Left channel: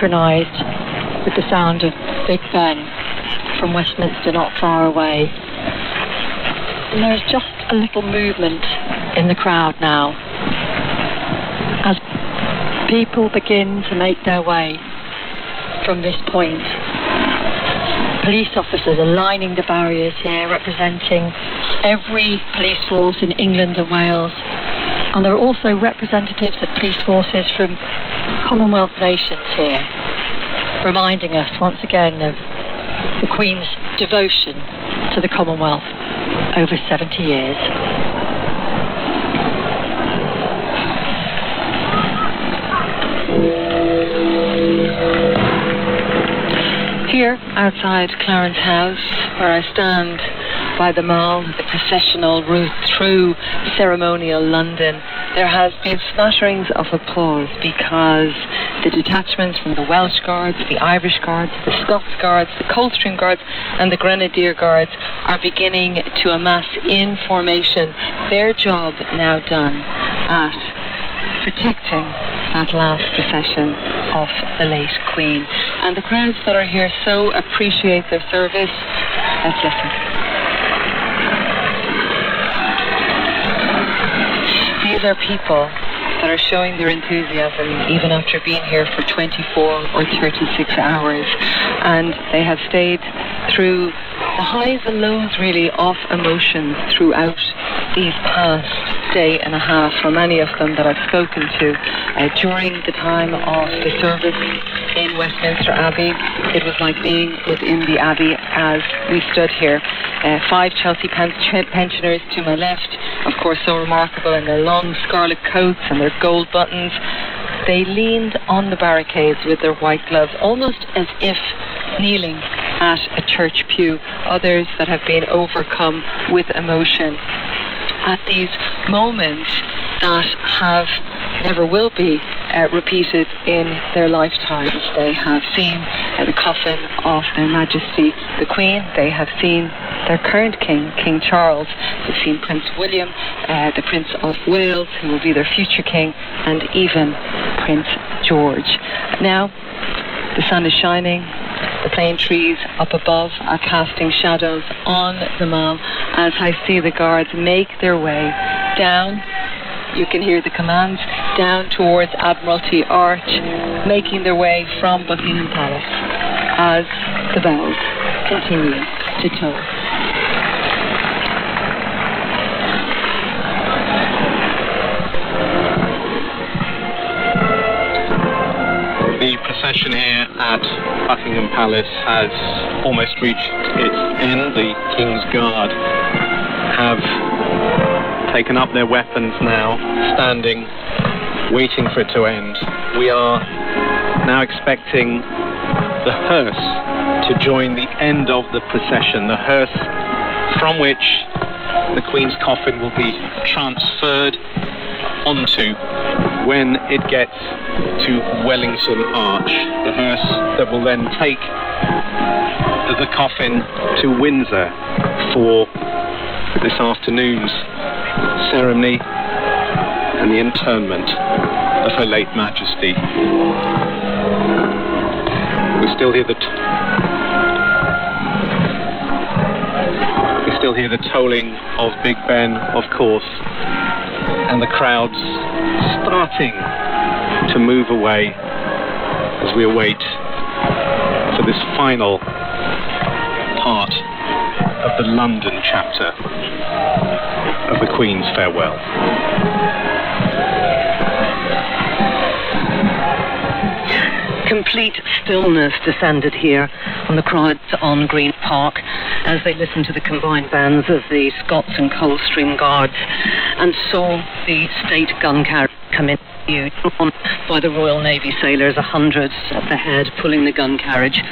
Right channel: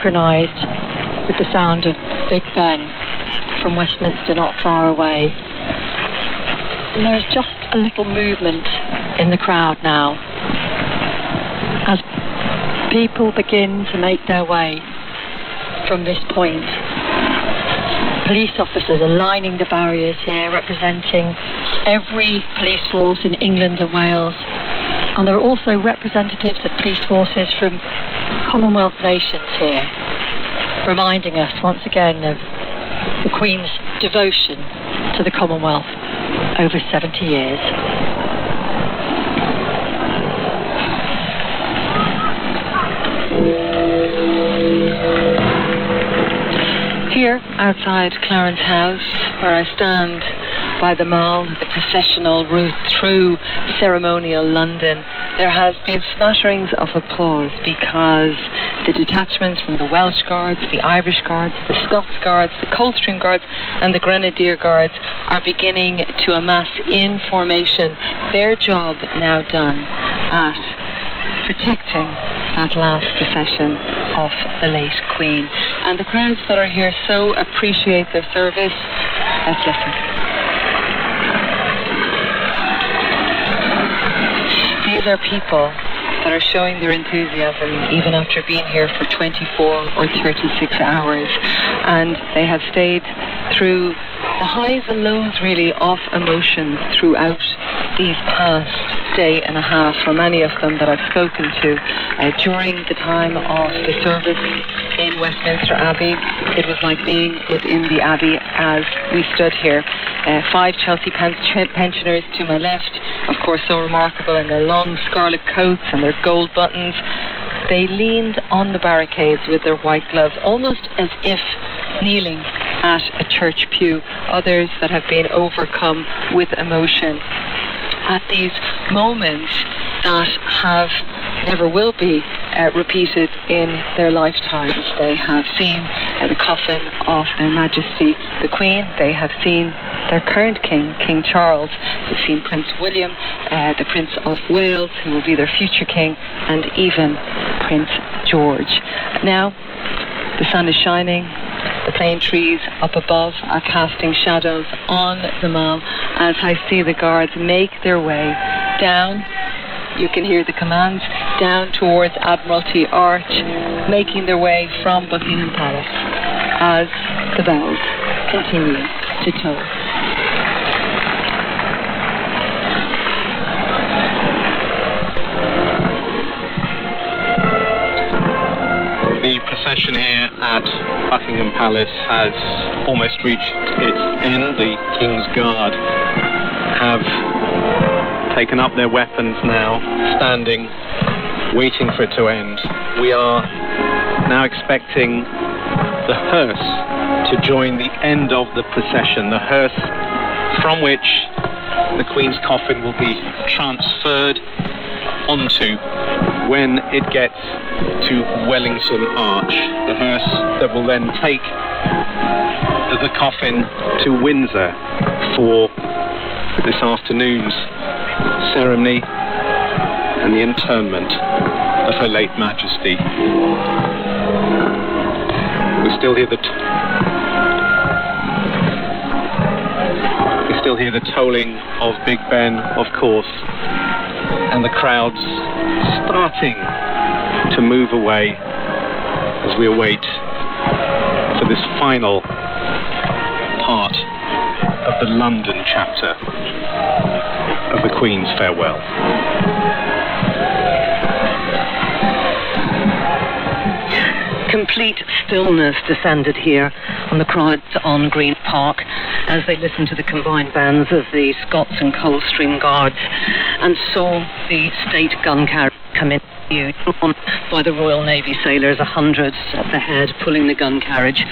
synchronised with the sound of Big Ben from Westminster not far away. And there's just a little movement in the crowd now as people begin to make their way from this point. Police officers are lining the barriers here, representing every police force in England and Wales, and there are also representatives of police forces from Commonwealth nations here, reminding us once again of the Queen's devotion to the Commonwealth over 70 years. Here outside Clarence House, where I stand by the Mall, the processional route through ceremonial London, there has been spatterings of applause because the detachments from the Welsh Guards, the Irish Guards, the Scots Guards, the Coldstream Guards and the Grenadier Guards are beginning to amass in formation, their job now done at protecting that last procession of the late Queen. And the crowds that are here so appreciate their service. Let's listen. These are people that are showing their enthusiasm even after being here for 24 or 36 hours, and they have stayed through the highs and lows really of emotion throughout these past day and a half. For many of them that I've spoken to during the time of the service in Westminster Abbey, it was like being within the Abbey as we stood here. 5 Chelsea pensioners to my left, of course so remarkable in their long scarlet coats and their gold buttons. They leaned on the barricades with their white gloves, almost as if kneeling at a church pew. Others that have been overcome with emotion at these moments that have never will be repeated in their lifetimes. They have seen the coffin of Her Majesty the Queen. They have seen their current king, King Charles. They've seen Prince William, the Prince of Wales, who will be their future king, and even Prince George. Now, the sun is shining. The plane trees up above are casting shadows on the Mall as I see the guards make their way down. You can hear the commands down towards Admiralty Arch, making their way from Buckingham Palace as the bells continue to toll. The procession here at Buckingham Palace has almost reached its end. The King's Guard have taken up their weapons now, standing, waiting for it to end. We are now expecting the hearse to join the end of the procession, the hearse from which the Queen's coffin will be transferred onto when it gets to Wellington Arch. The hearse that will then take the coffin to Windsor for this afternoon's ceremony and the interment of Her late Majesty. We still hear the tolling of Big Ben, of course, and the crowds starting to move away as we await for this final part of the London chapter of the Queen's farewell. Complete stillness descended here on the crowds on Green Park as they listened to the combined bands of the Scots and Coldstream Guards and saw the state gun carriage come in on by the Royal Navy sailors, 100 at the head, pulling the gun carriage,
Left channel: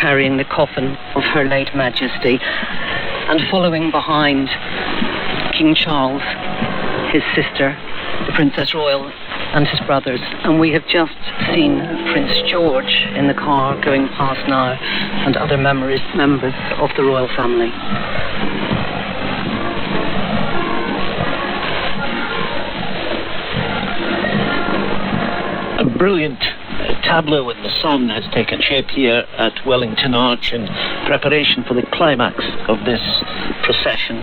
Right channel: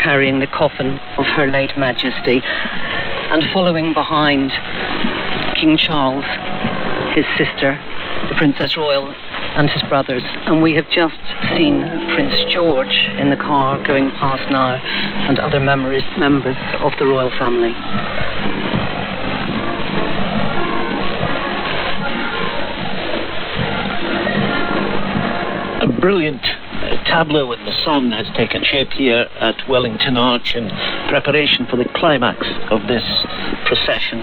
carrying the coffin of Her late Majesty, and following behind King Charles, his sister, the Princess Royal, and his brothers. And we have just seen Prince George in the car going past now, and other members of the royal family. A brilliant tableau in the sun has taken shape here at Wellington Arch in preparation for the climax of this procession.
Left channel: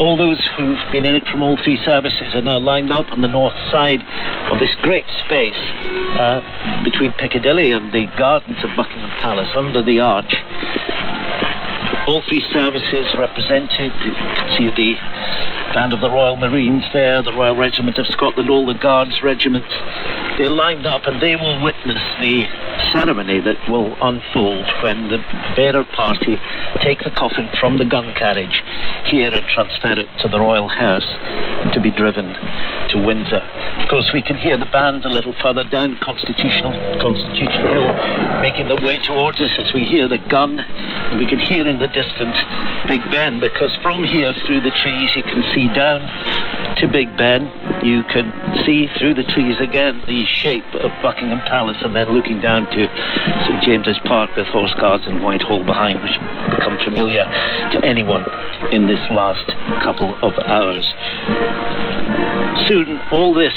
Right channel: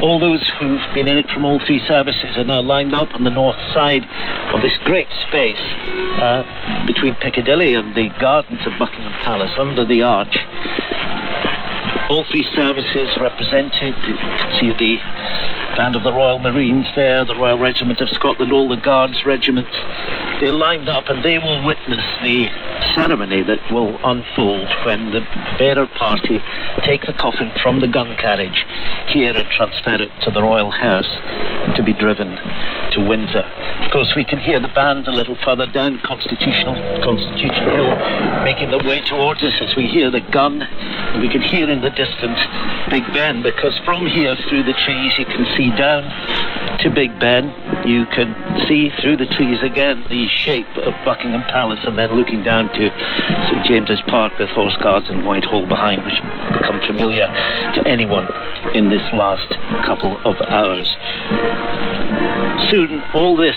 All those who've been in it from all three services are now lined up on the north side of this great space between Piccadilly and the gardens of Buckingham Palace under the arch. All three services represented. You can see the band of the Royal Marines there, the Royal Regiment of Scotland, all the Guards regiments. They're lined up and they will witness the ceremony that will unfold when the bearer party take the coffin from the gun carriage here and transfer it to the Royal Hearse to be driven to Windsor. Of course, we can hear the band a little further down Constitutional Hill making their way towards us as we hear the gun. We can hear in the distance Big Ben, because from here through the trees you can see down to Big Ben. You can see through the trees again the shape of Buckingham Palace, and then looking down to St James's Park with Horse Guards and Whitehall behind, which become familiar to anyone in this last couple of hours. Soon all this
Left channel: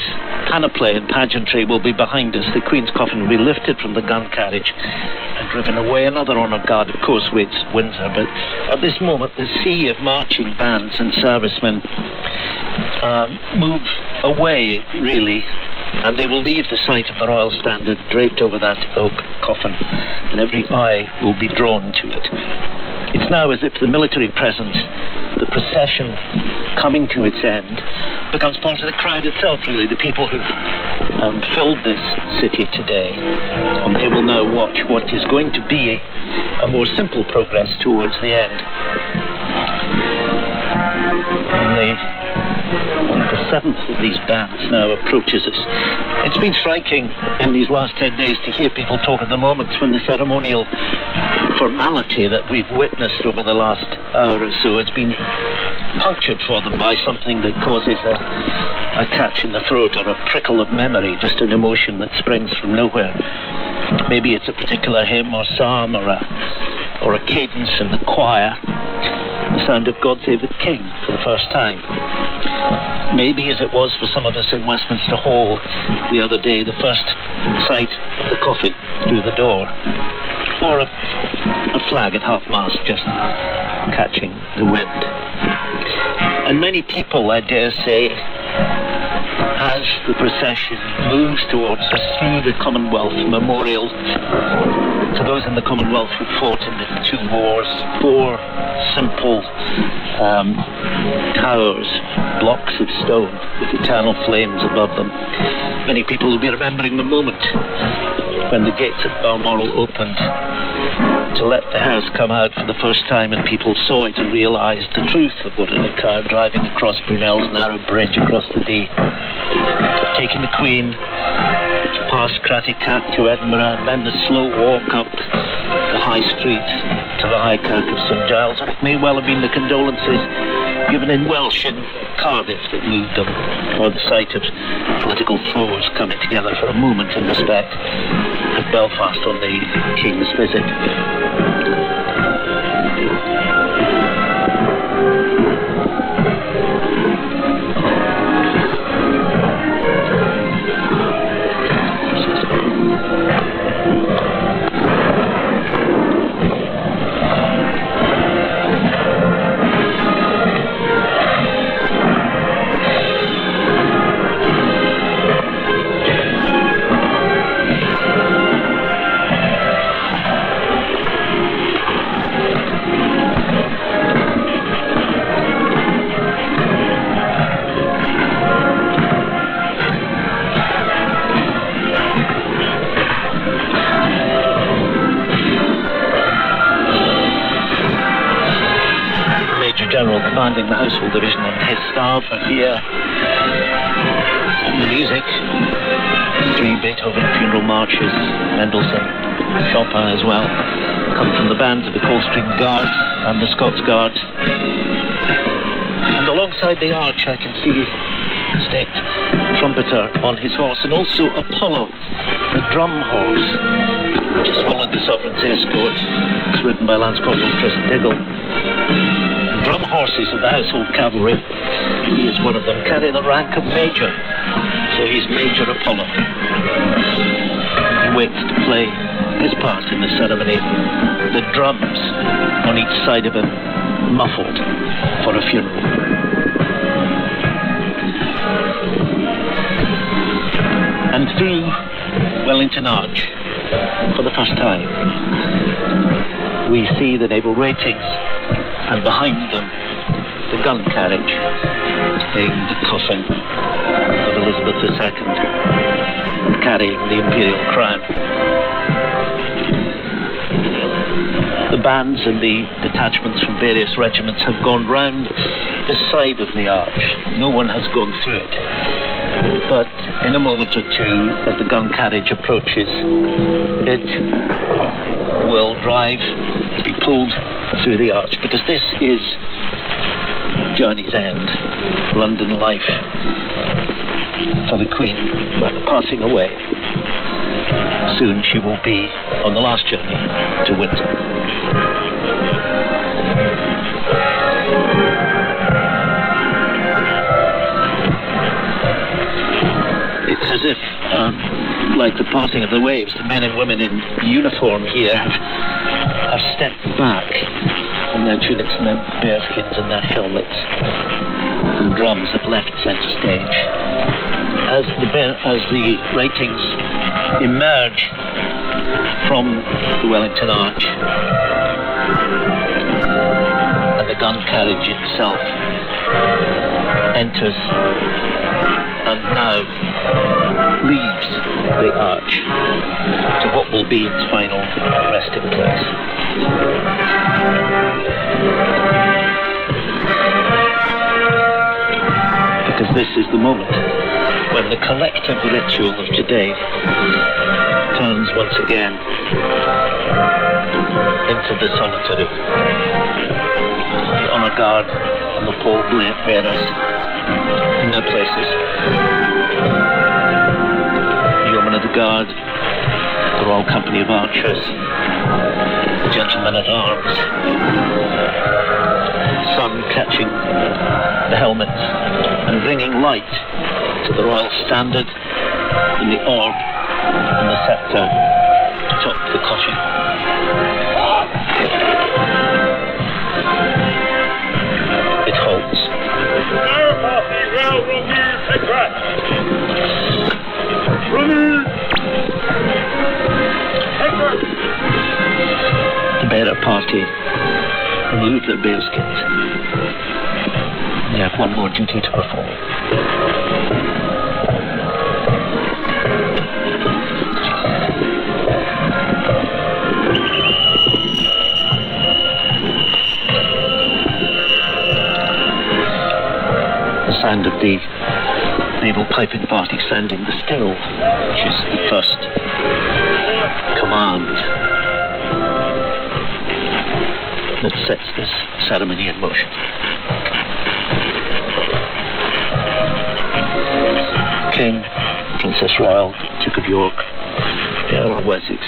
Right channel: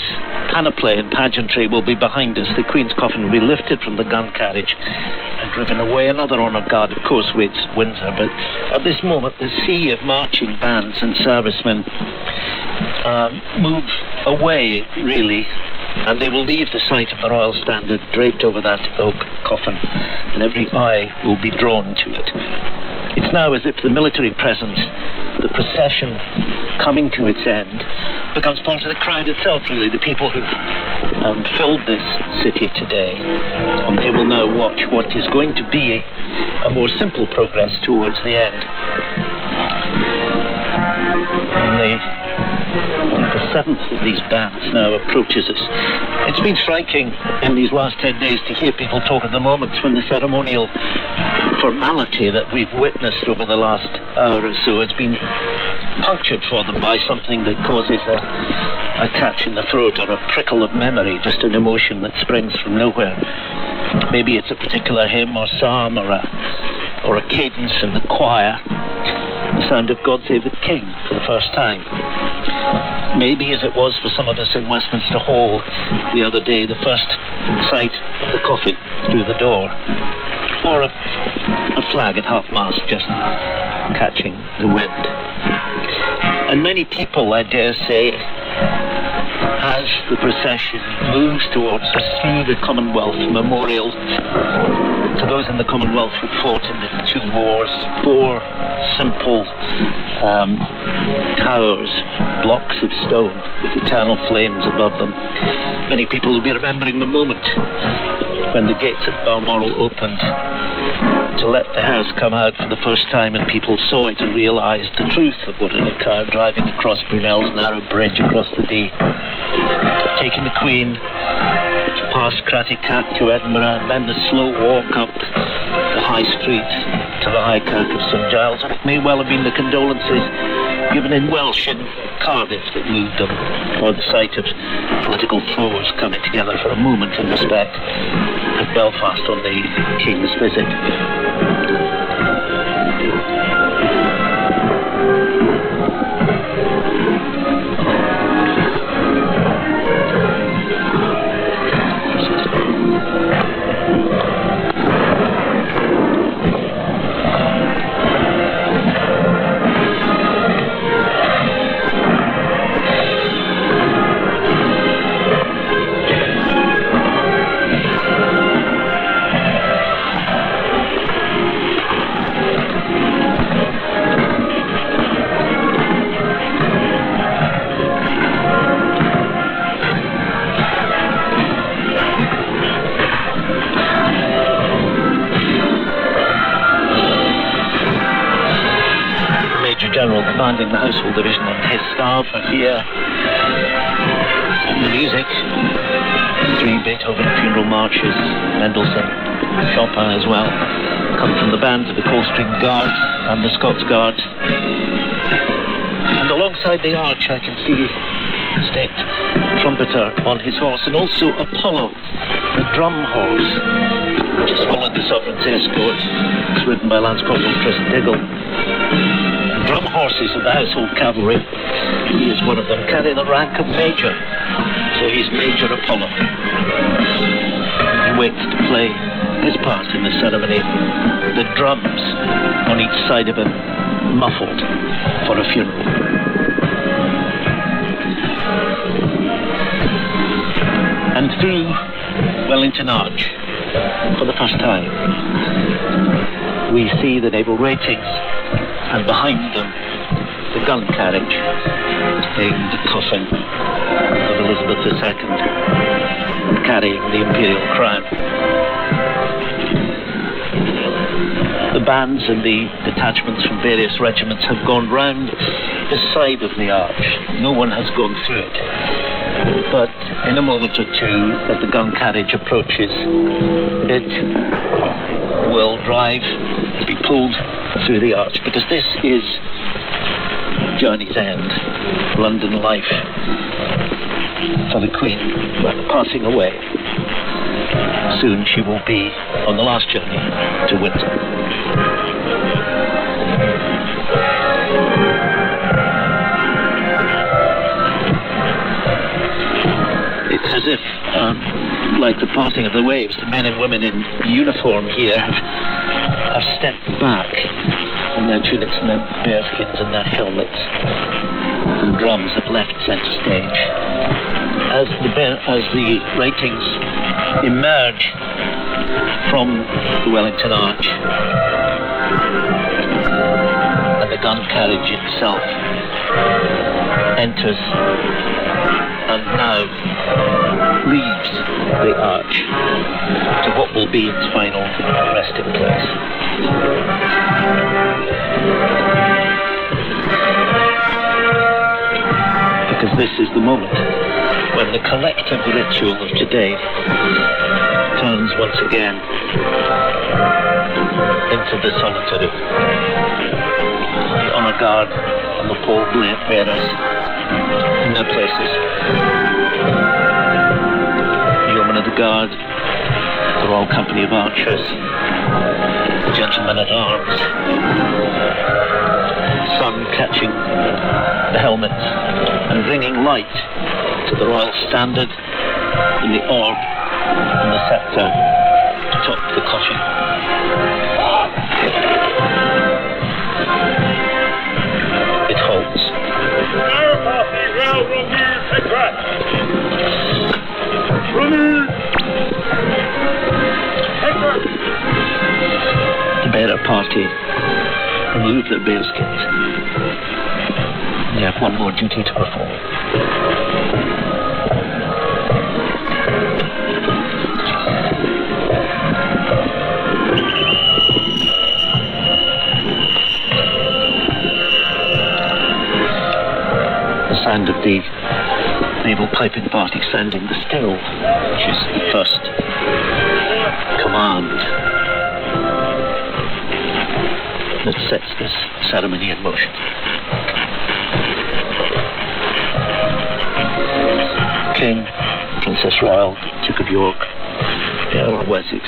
panoply and pageantry will be behind us. The Queen's coffin will be lifted from the gun carriage and driven away. Another honour guard, of course, waits Windsor, but at this moment the sea of marching bands and servicemen move away, really, and they will leave the sight of the Royal Standard draped over that oak coffin, and every eye will be drawn to it. It's now as if the military presence, the procession coming to its end, becomes part of the crowd itself, really, the people who've filled this city today. And they will now watch what is going to be a more simple progress towards the end. The seventh of these bands now approaches us. It's been striking in these last 10 days to hear people talk of the moments when the ceremonial formality that we've witnessed over the last hour or so has been punctured for them by something that causes a catch in the throat or a prickle of memory, just an emotion that springs from nowhere. Maybe it's a particular hymn or psalm or a cadence in the choir. The sound of God Save the King for the first time. Maybe, as it was for some of us in Westminster Hall the other day, the first sight of the coffin through the door. Or a flag at half-mast just catching the wind. And many people, I dare say, as the procession moves towards us through the Commonwealth Memorial, to those in the Commonwealth who fought in the two wars, 4 simple towers, blocks of stone with eternal flames above them. Many people will be remembering the moment when the gates of Balmoral opened to let the hearse come out for the first time, and people saw it and realised the truth of what had occurred, driving across Brunel's narrow bridge across the Dee, taking the Queen past Cratty Tap to Edinburgh, then the slow walk up the High Street to the High Kirk of St Giles. It may well have been the condolences given in Welsh and Cardiff that moved them, or the sight of political foes coming together for a moment in respect at Belfast on the King's visit. Commanding the Household Division and his staff are here. The music, 3 Beethoven funeral marches, Mendelssohn, Chopin as well, come from the bands of the Coldstream Guards and the Scots Guards. And alongside the arch I can see the state trumpeter on his horse, and also Apollo, the drum horse, which has followed the Sovereign's escort. It's ridden by Lance Corporal Tristan Higgle. Drum horses of the Household Cavalry. He is one of them, carrying the rank of Major. So he's Major Apollo. You waits to play his part in the ceremony. The drums on each side of him muffled for a funeral. And through Wellington Arch, for the first time, we see the naval ratings, and behind them the gun carriage, named coffin of Elizabeth II, carrying the imperial crown. The bands of the detachments from various regiments have gone round the side of the arch. No one has gone through it. But in a moment or two, as the gun carriage approaches, it will drive, be pulled through the arch, because this is journey's end, London life for the Queen passing away. Soon she will be on the last journey to Windsor. It's as if, like the passing of the waves, the men and women in uniform here have stepped back, and their tunics and their bearskins and their helmets and drums have left centre stage. As the ratings emerge from the Wellington Arch, and the gun carriage itself enters and now leaves the arch to what will be its final resting place. Because this is the moment when the collective ritual of today turns once again into the solitary. The honour guard and the pole bearers in their places. The yeomen of the guard, the Royal Company of Archers, the gentlemen at arms, sun catching the helmets and bringing light to the royal standard and the orb and the sceptre atop the coffin. It holds. The bearer party remove their bearskins. They have one more duty to perform. The sound of the naval piping party sounding the still, which is the first command that sets this ceremony in motion. King, Princess Royal, Duke of York, the Earl of Wessex,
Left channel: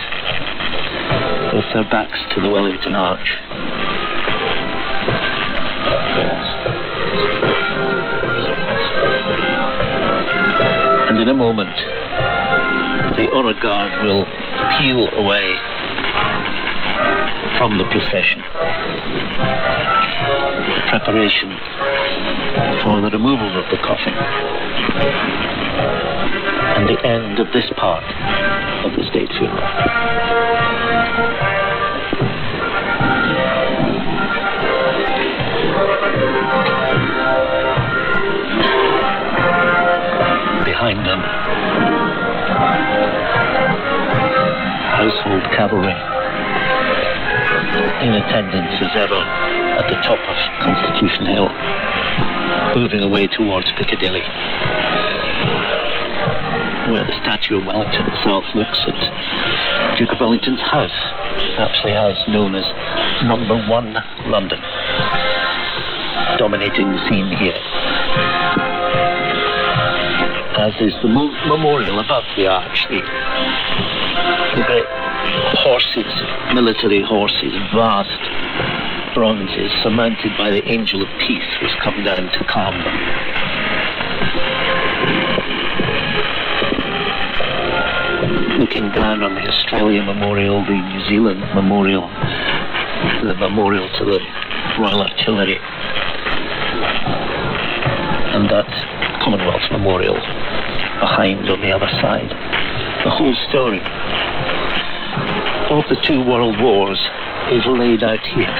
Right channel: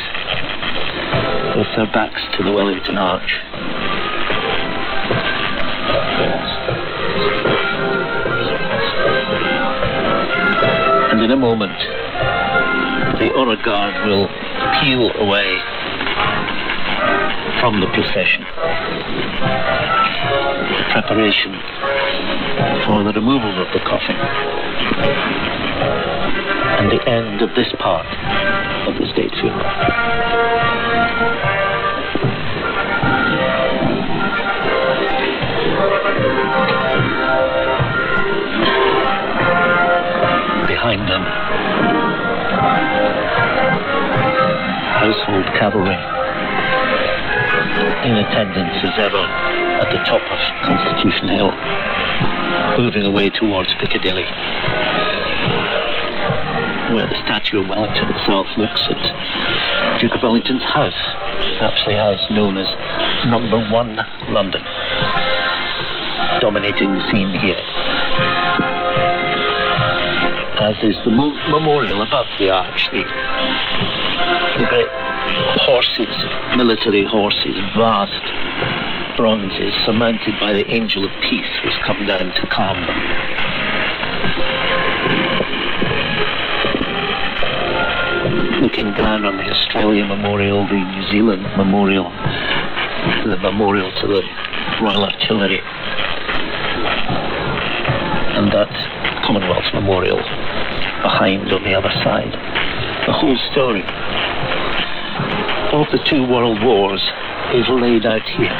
with their backs to the Wellington Arch. And in a moment, the honour guard will peel away from the procession. The preparation for the removal of the coffin and the end of this part of the state funeral. Behind them, household cavalry in attendance as ever at the top of Constitution Hill, moving away towards Piccadilly, where the statue of Wellington itself looks at Duke of Wellington's house, actually a house known as Number 1 London, dominating the scene here. As is the memorial above the arch, the great horses, military horses, vast bronzes surmounted by the Angel of Peace, was come down to calm them. The looking down on the Australia Memorial, the New Zealand Memorial, the memorial to the Royal Artillery, and that Commonwealth Memorial behind on the other side. The whole story of the two world wars is laid out here.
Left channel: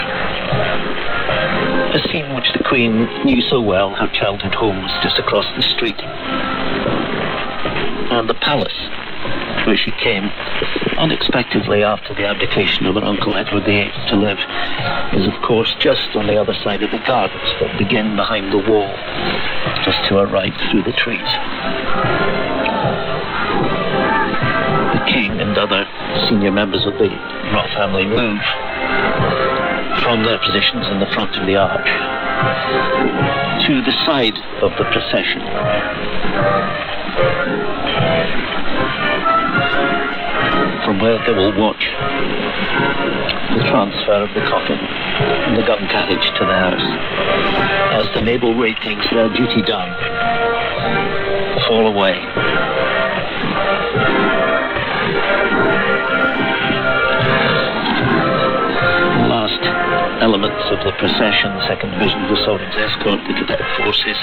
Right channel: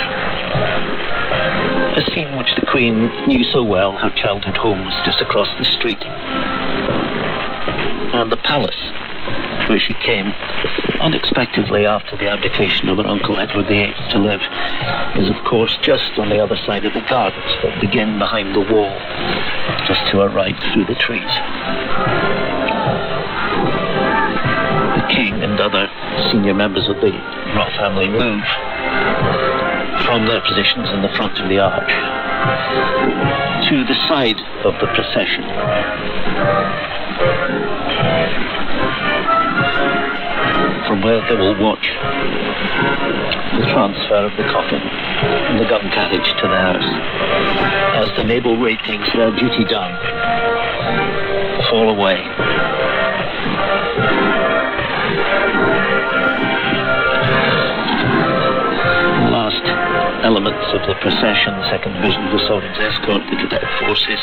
A scene which the Queen knew so well, her childhood home was just across the street. And the palace, where she came unexpectedly after the abdication of her uncle Edward VIII to live, is of course just on the other side of the gardens that begin behind the wall, just to her right through the trees. The King and other senior members of the royal family move from their positions in the front of the arch to the side of the procession, from where they will watch the transfer of the coffin and the gun carriage to the house, as the naval ratings, their duty done, fall away. The last elements of the procession, the second division of the Sovereign's escort, the cadet forces,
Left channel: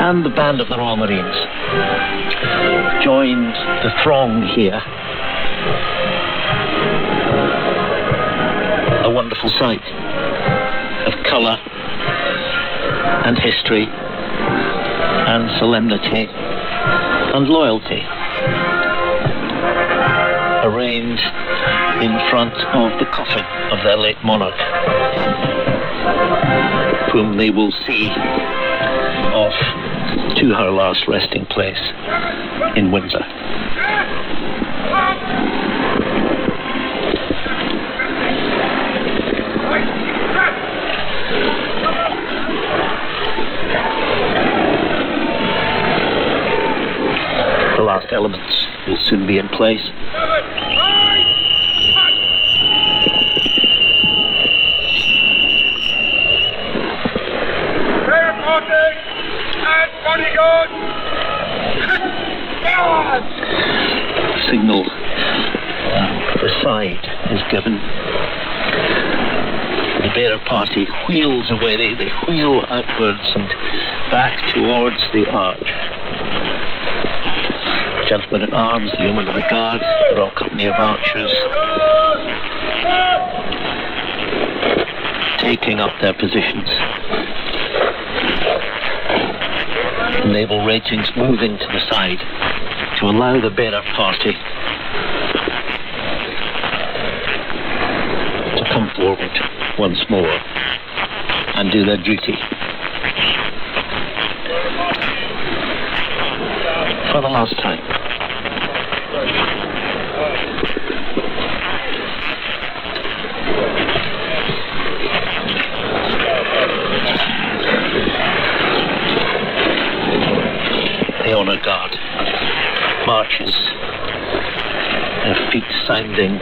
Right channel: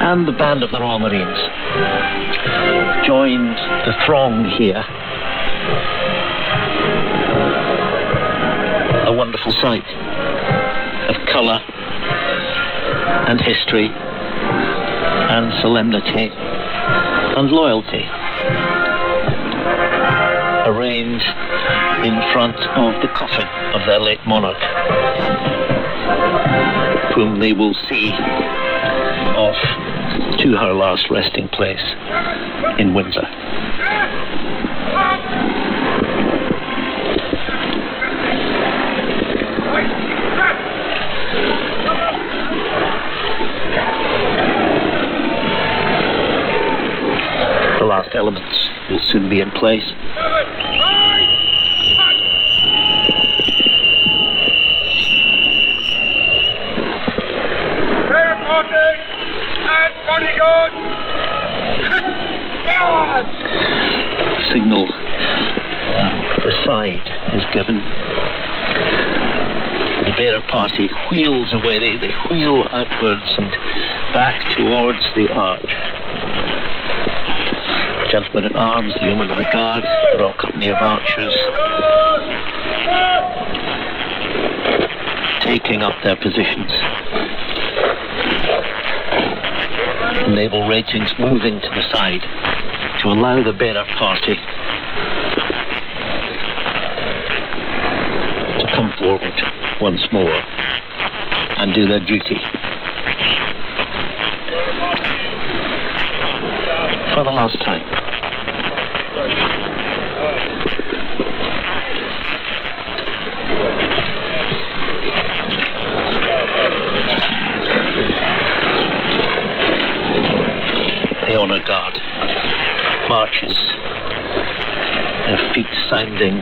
and the band of the Royal Marines joined the throng here. A wonderful sight of colour and history and solemnity and loyalty, arranged in front of the coffin of their late monarch, whom they will see off to her last resting place in Windsor. The last elements will soon be in place. Signal for the side is given. The bearer party wheels away, they wheel outwards and back towards the arch. Gentlemen at arms, the yeomen of the guard, the Royal Company of Archers, taking up their positions. The naval ratings moving to the side to allow the bearer party to come forward once more and do their duty for the last time. The Honour Guard marches, their feet sounding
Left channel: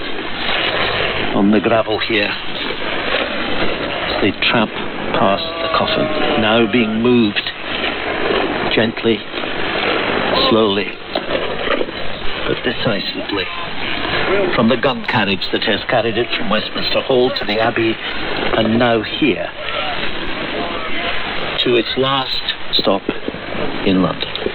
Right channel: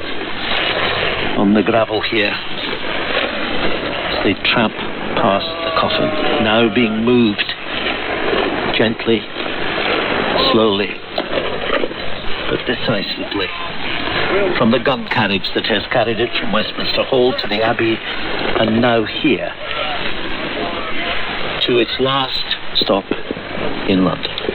on the gravel here as they tramp past the coffin, now being moved gently, slowly, but decisively from the gun carriage that has carried it from Westminster Hall to the Abbey, and now here to its last stop in London.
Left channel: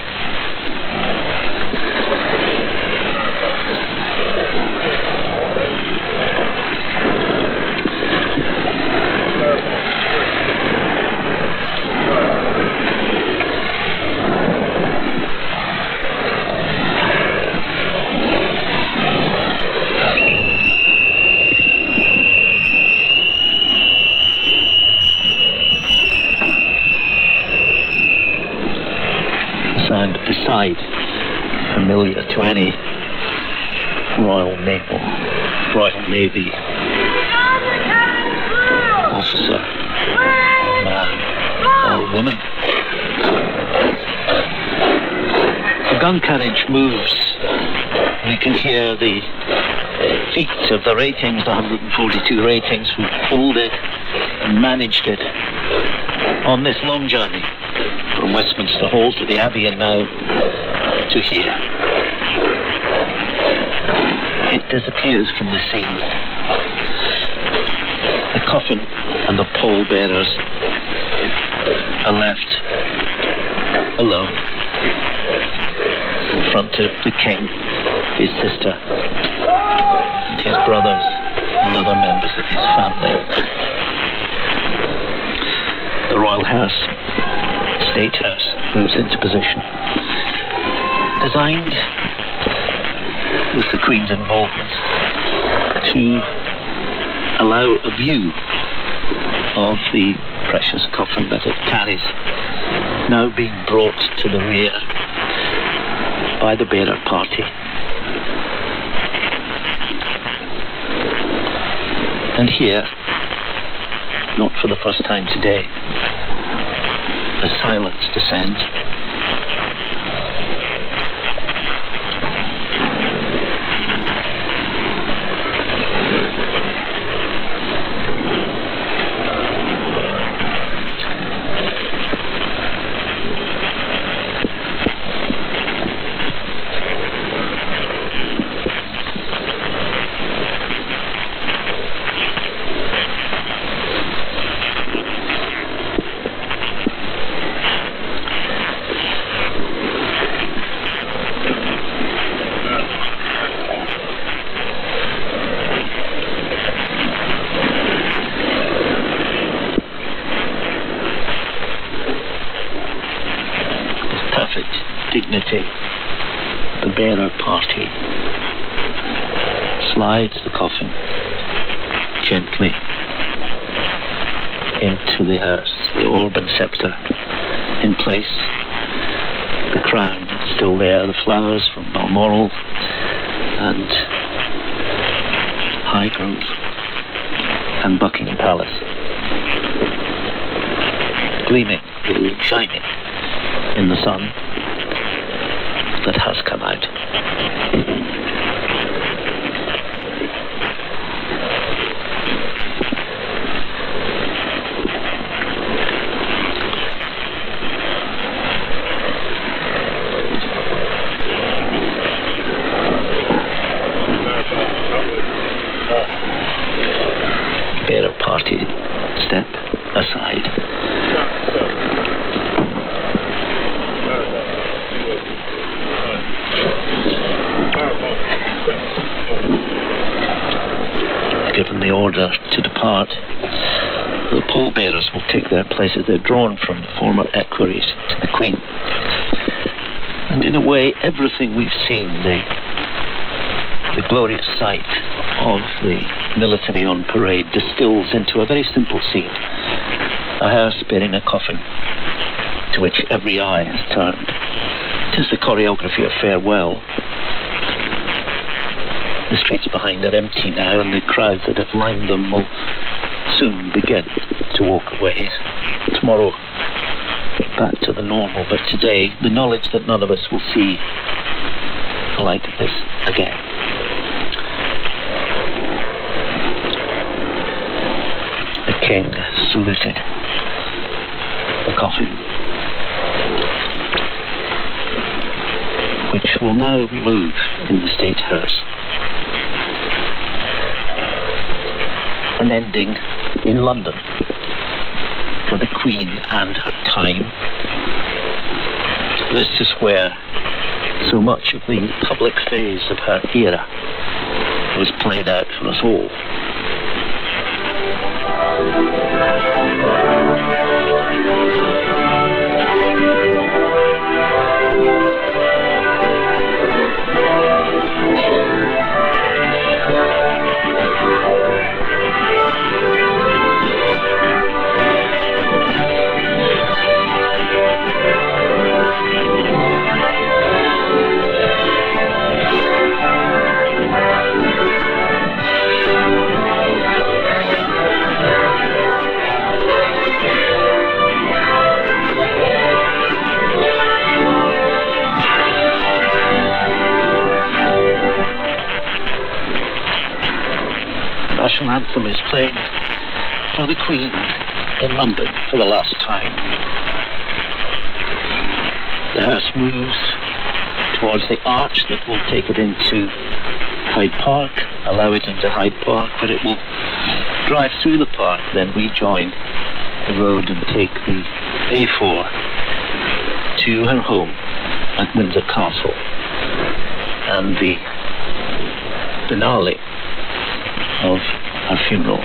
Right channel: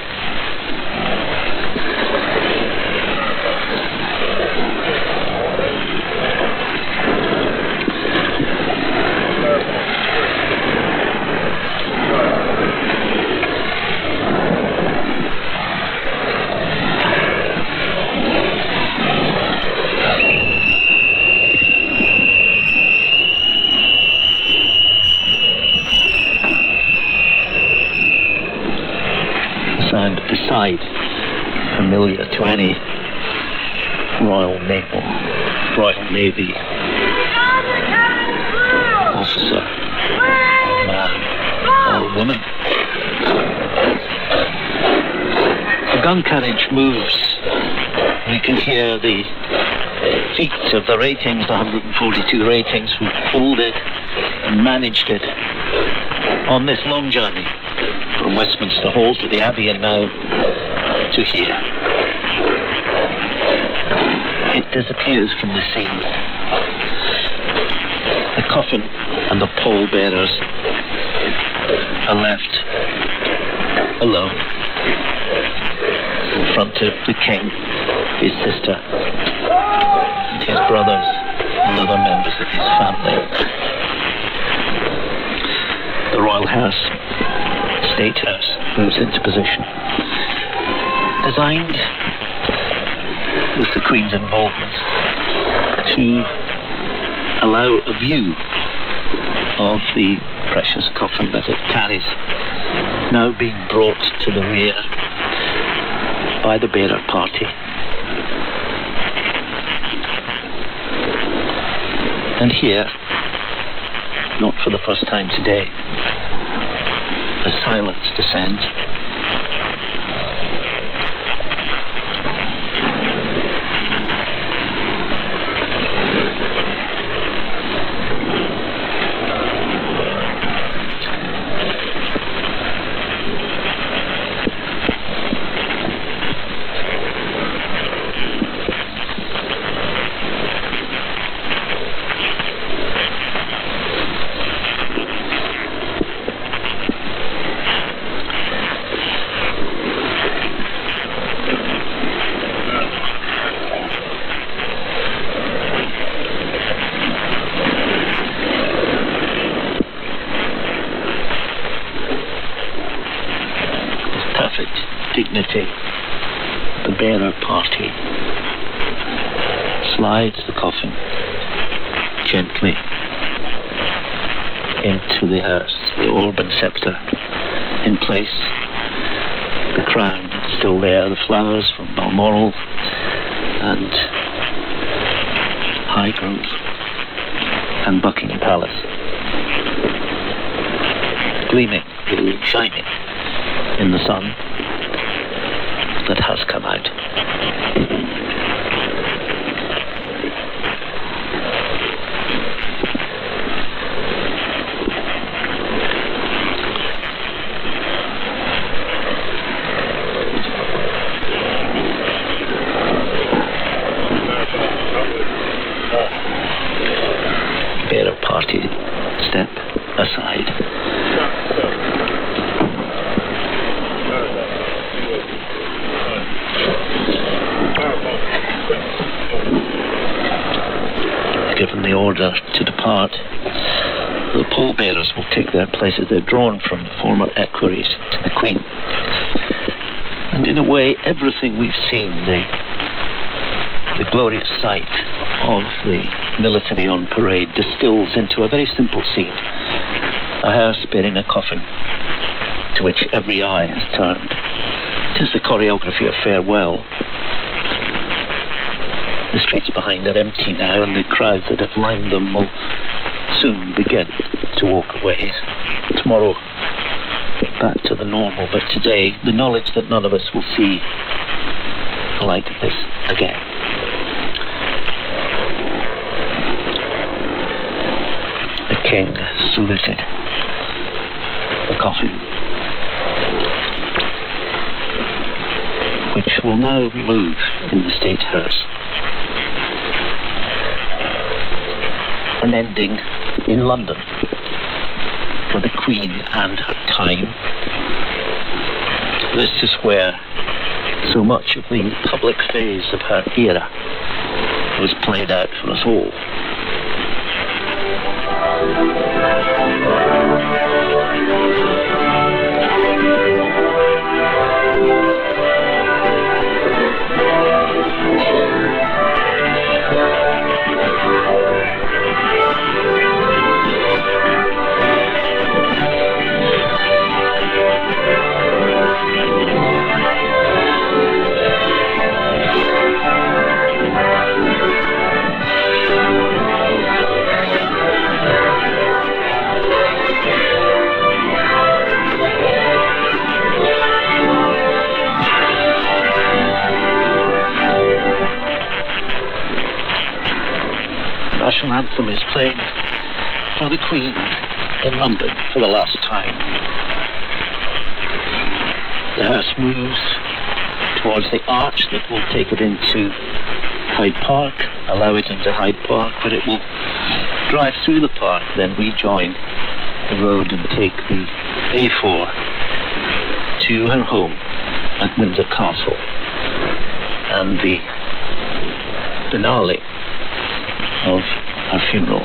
Familiar to any Royal Navy officer, man or woman. The gun carriage moves. You can hear the feet of the ratings, the 142 ratings who pulled it and managed it on this long journey from Westminster Hall to the Abbey and now to here. it disappears from the scene. The coffin and the pallbearers are left alone in front of the king, his sister, and his brothers and other members of his family. The royal house, state house, moves into position, designed with the Queen's involvement to allow a view of the precious coffin that it carries, now being brought to the rear by the bearer party. And here, not for the first time today, the silence descends. Dignity, the bearer party slides the coffin gently into the hearse, the orb and sceptre in place, the crown still there, the flowers from Balmoral and Highgrove and Buckingham Palace, gleaming, shining in the sun that has come out. Bearer party step aside. Given the order to depart, the pallbearers will take their places. They're drawn from former equerries to the Queen. And in a way, everything we've seen, the glorious sight of the military on parade, distills into a very simple scene. A hearse bearing a coffin to which every eye is turned. It is the choreography of farewell. The streets behind are empty now, and the crowds that have lined them will soon begin to walk away. Tomorrow, back to the normal, but today, the knowledge that none of us will see the like of this again. The king saluted the coffin, which will now move in the state hearse, and ending in London for the Queen and her time. This is where so much of the public phase of her era was played out for us all. Anthem is played for the Queen in London for the last time. The hearse moves towards the arch that will take it into Hyde Park, allow it into Hyde Park, but it will drive through the park, then rejoin the road and take the A4 to her home at Windsor Castle. And the finale of her funeral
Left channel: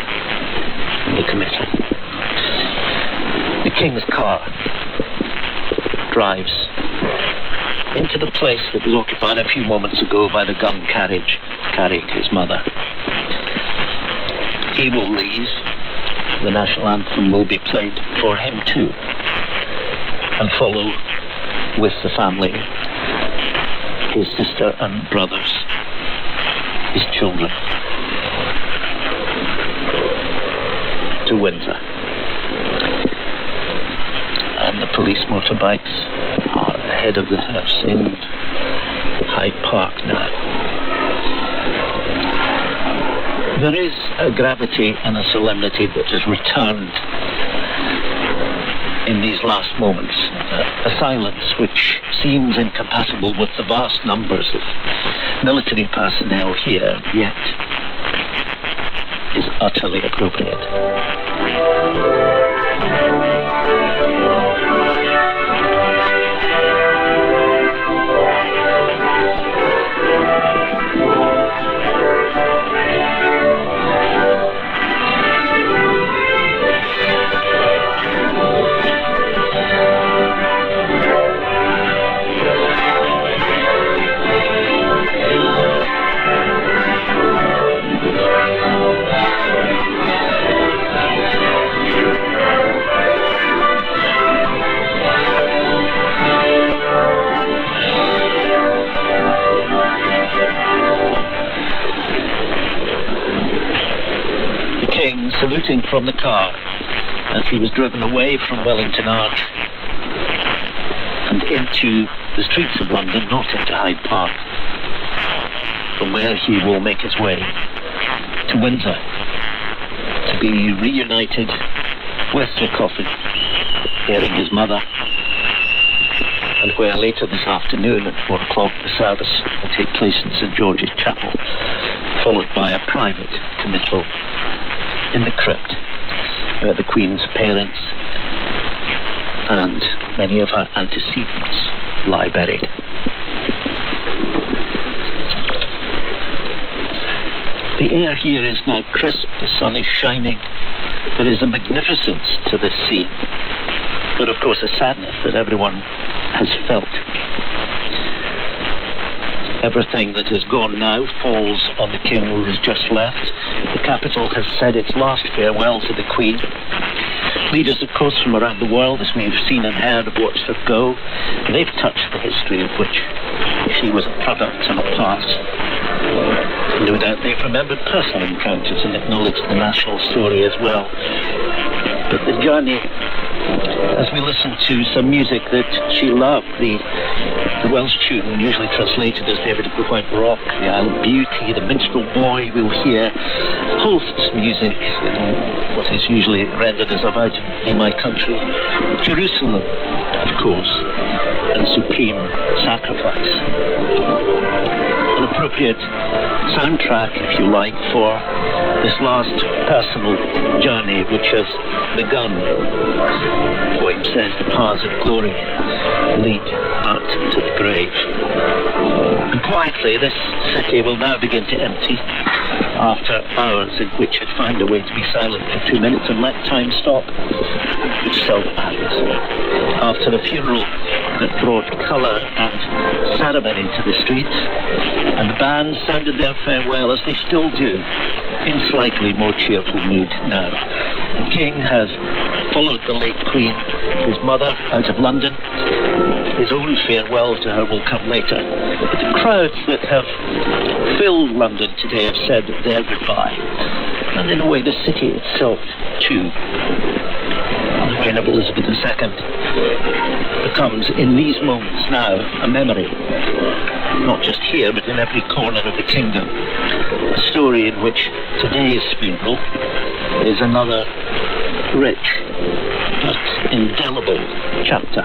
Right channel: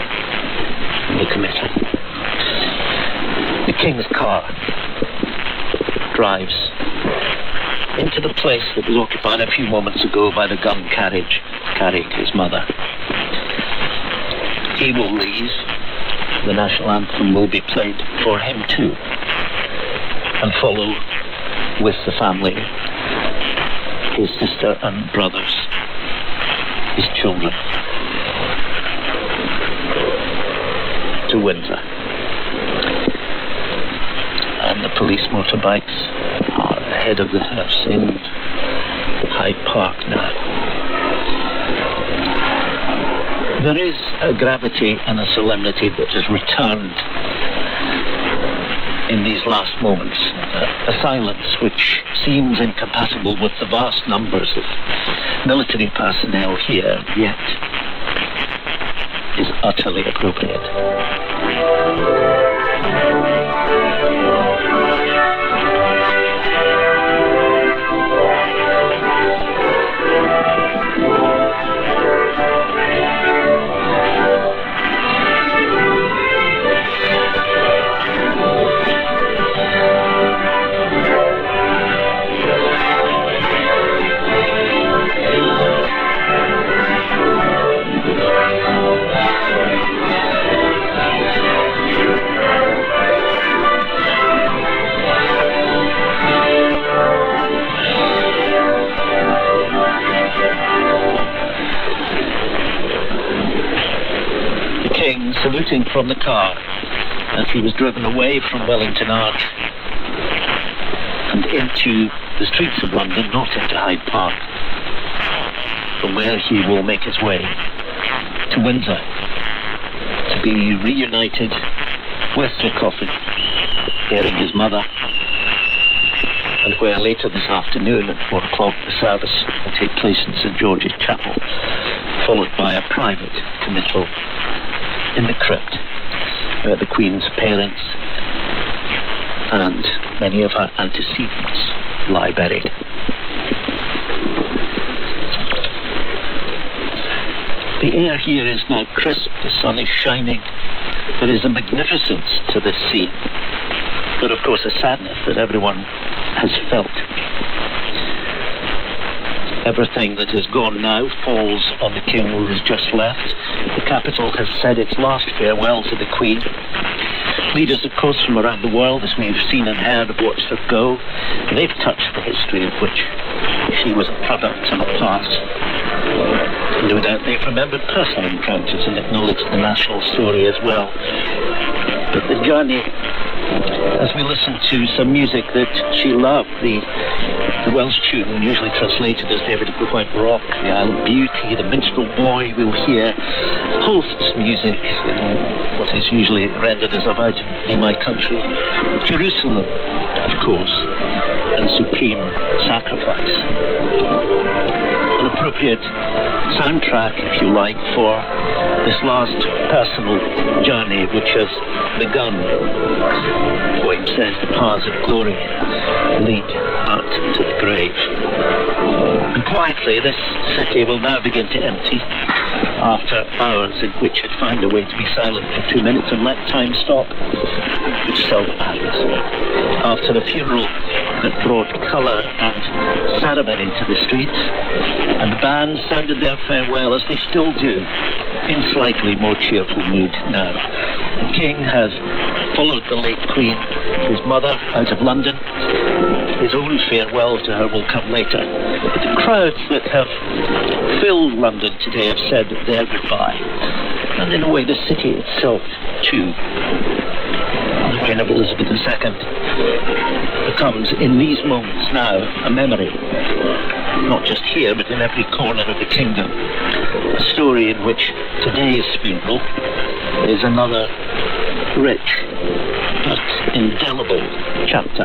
will commence. The King's car drives into the place that was occupied a few moments ago by the gun carriage carrying his mother. He will leave. The national anthem will be played for him too, and follow with the family, his sister and brothers, his children, to Windsor. And the police motorbikes are ahead of the hearse in Hyde Park now. There is a gravity and a solemnity that has returned in these last moments, a silence which seems incompatible with the vast numbers of military personnel here, yet is utterly appropriate. Saluting from the car as he was driven away from Wellington Arch and into the streets of London, not into Hyde Park, from where he will make his way to Windsor to be reunited with Sir Coffin, bearing his mother, and where later this afternoon at 1 o'clock the service will take place in St George's Chapel, followed by a private committal in the crypt, where the Queen's parents and many of her antecedents lie buried. The air here is not crisp, the sun is shining. There is a magnificence to this scene, but of course a sadness that everyone has felt. Everything that has gone now falls on the King who has just left. The capital has said its last farewell to the Queen. Leaders, of course, from around the world, as we've seen and heard, have watched her go. They've touched the history of which she was a product and a part. No doubt they've remembered personal encounters and acknowledged the national story as well. But the journey, as we listen to some music that she loved, the Welsh tune, usually translated as David Quite Rock, the Isle of Beauty, the Minstrel Boy, we'll hear hosts music, what is usually rendered as about in my country, Jerusalem, of course, and Supreme Sacrifice. An appropriate soundtrack, if you like, for this last personal journey which has begun. Wayne says the paths of glory lead out to the grave. And quietly this city will now begin to empty after hours in which it found a way to be silent for 2 minutes and let time stop, which seldom happens. After a funeral that brought colour and ceremony to the streets, and the band sounded their farewell as they still do, in slightly more cheerful mood now. The King has followed the late Queen, his mother, out of London. His own farewell to her will come later. The crowds that have filled London today have said their goodbye. And in a way the city itself too. The reign of Elizabeth II becomes in these moments now a memory, not just here but in every corner of the kingdom. A story in which today's funeral is another rich but indelible chapter.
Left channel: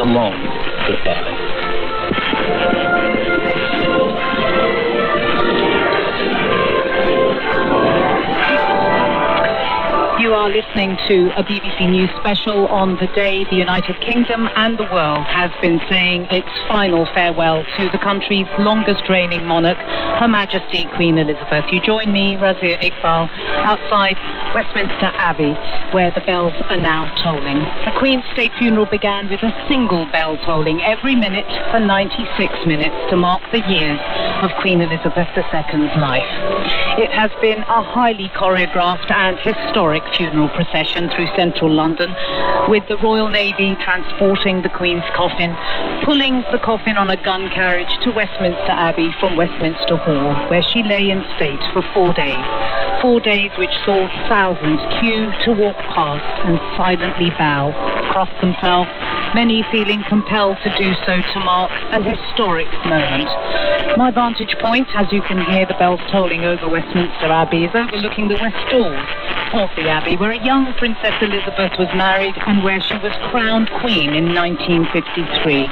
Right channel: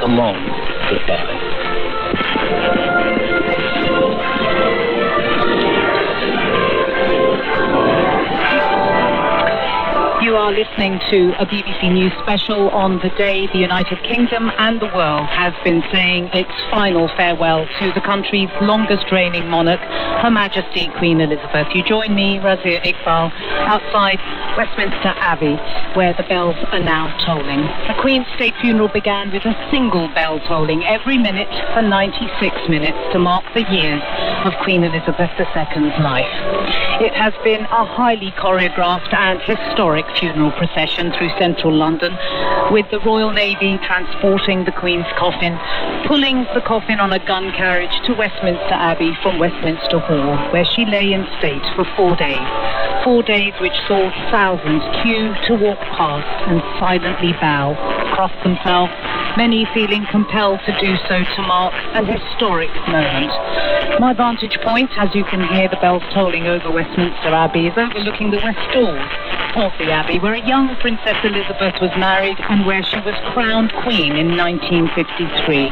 A long goodbye. are listening to a BBC News special on the day the United Kingdom and the world has been saying its final farewell to the country's longest reigning monarch, Her Majesty Queen Elizabeth. You join me, Razia Iqbal, outside Westminster Abbey, where the bells are now tolling. The Queen's state funeral began with a single bell tolling every minute for 96 minutes to mark the years of Queen Elizabeth II's life. It has been a highly choreographed and historic funeral procession through central London, with the Royal Navy transporting the Queen's coffin, pulling the coffin on a gun carriage to Westminster Abbey from Westminster Hall, where she lay in state for 4 days. 4 days which saw thousands queue to walk past and silently bow, past themselves, many feeling compelled to do so to mark an historic moment. My vantage point, as you can hear the bells tolling over Westminster Abbey, is overlooking the west door of the Abbey, where a young Princess Elizabeth was married and where she was crowned Queen in 1953.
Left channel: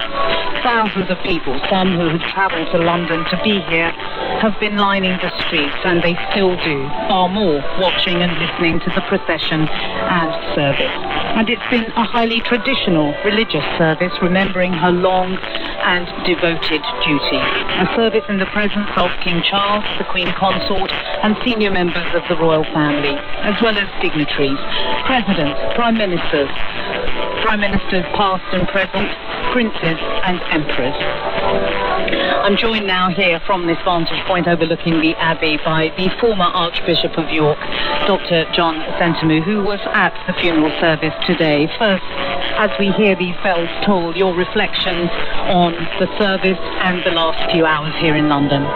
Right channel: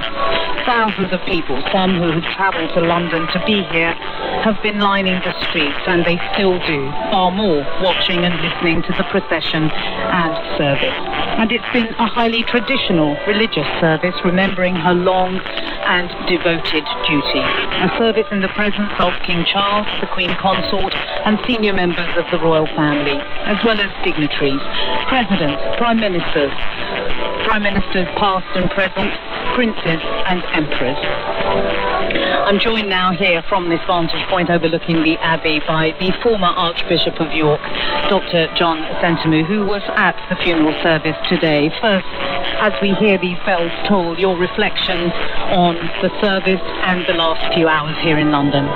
Thousands of people, some who have travelled to London to be here, have been lining the streets, and they still do, far more, watching and listening to the procession and service. And it's been a highly traditional religious service, remembering her long and devoted duty. A service in the presence of King Charles, the Queen Consort, and senior members of the royal family, as well as dignitaries, presidents, prime ministers past and present, princes and emperors. I'm joined now here from this vantage point overlooking the Abbey by the former Archbishop of York, Dr. John Sentamu, who was at the funeral service today. First, as we hear these bells toll, your reflections on the service and the last few hours here in London.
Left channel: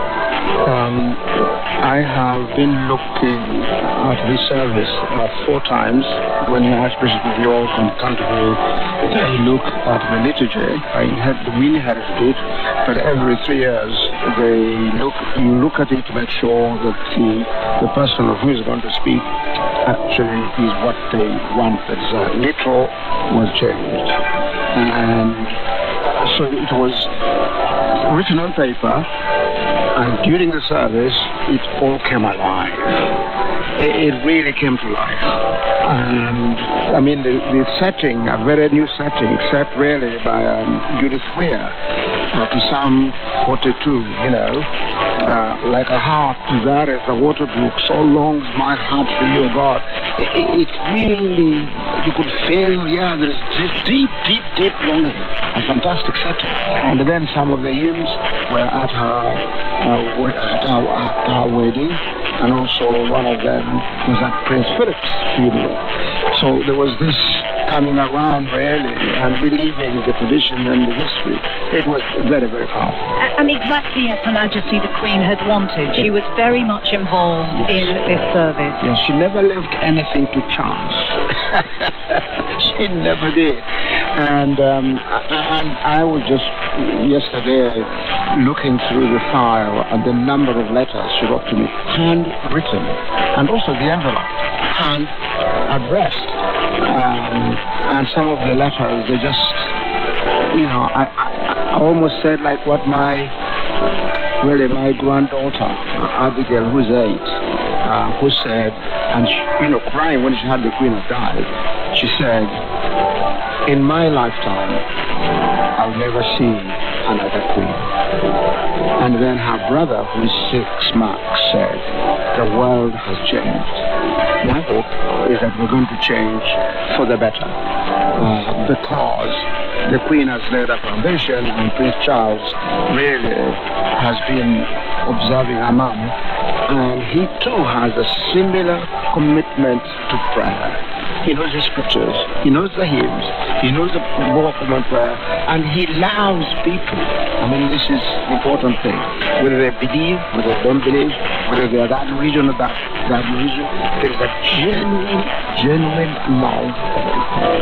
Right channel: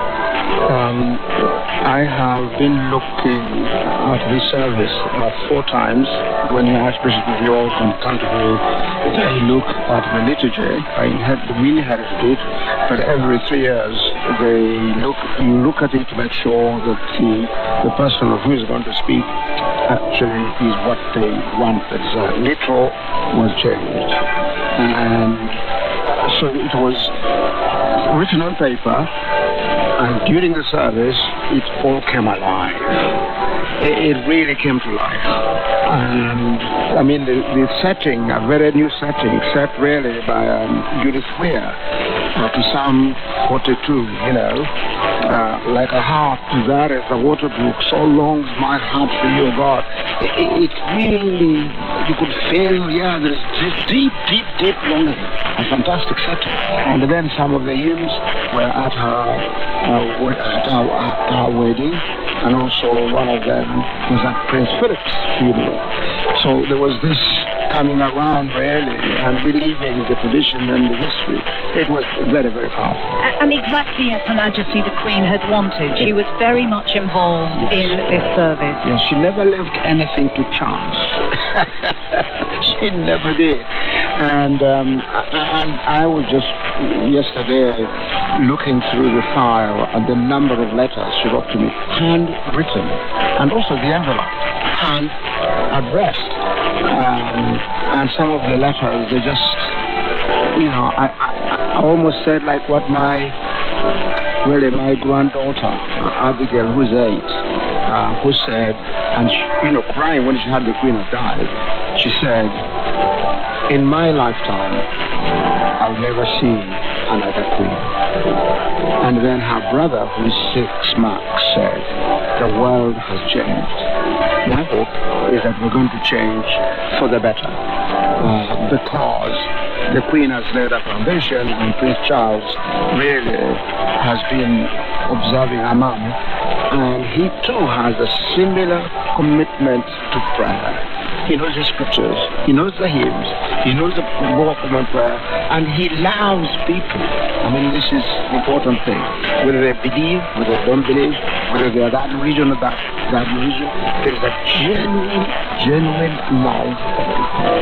I have been looking at the service 4 times when the Archbishop of York and Canterbury they look at the liturgy. We have good, but every 3 years you look at it to make sure that the person who is going to speak actually is what they want. There's little was changed, and so it was written on paper. And during the service, it all came alive. It really came to life. And I mean, the setting, a very new setting, set really by Judith Weir, to Psalm 42, like a harp there at the water brook, so longs my heart for you, God. It's really, you could feel, there's deep longing. A fantastic setting. And then some of the hymns were at our wedding, and also one of them was at Prince Philip's funeral. So there was this coming around really and believing the tradition and the history. It was very, very powerful. And exactly as Her Majesty the Queen had wanted. She was very much involved in this service. Yes, she never left anything to chance. She never did. And I was just yesterday looking through the file at the number of letters she wrote to me, handwritten, and also the envelope, hand addressed. And some of the letters, they just, I almost said like what my granddaughter, Abigail, who's 8, who said, and she, crying when she had the Queen died, she said, in my lifetime, I'll never see another Queen. And then her brother, who is 6 marks, said, the world has changed. My hope is that we're going to change for the better. Because the Queen has laid a foundation and Prince Charles really has been observing her mum. And he too has a similar commitment to prayer. He knows the scriptures, he knows the hymns, he knows the walk of prayer, and he loves people. I mean, this is the important thing. Whether they believe, whether they don't believe, whether they are that religion or that religion, there's a genuine love for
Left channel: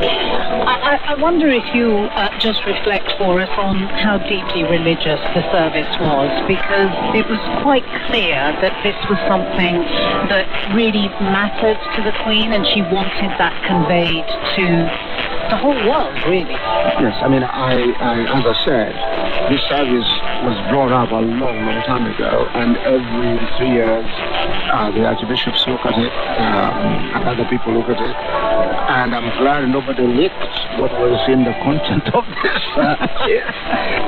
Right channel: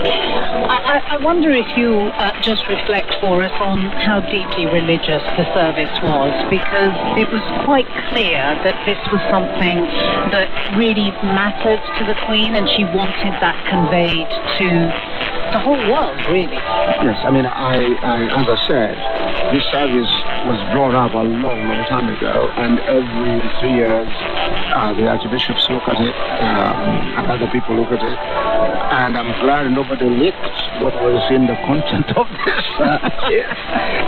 people. I wonder if you just reflect for us on how deeply religious the service was, because it was quite clear that this was something that really mattered to the Queen, and she wanted that conveyed to the whole world, really. Yes, I mean, as I said, this service was brought up a long, long time ago, and every 3 years the archbishops look at it, and other people look at it, and I'm glad nobody leaked what was in the content of this service.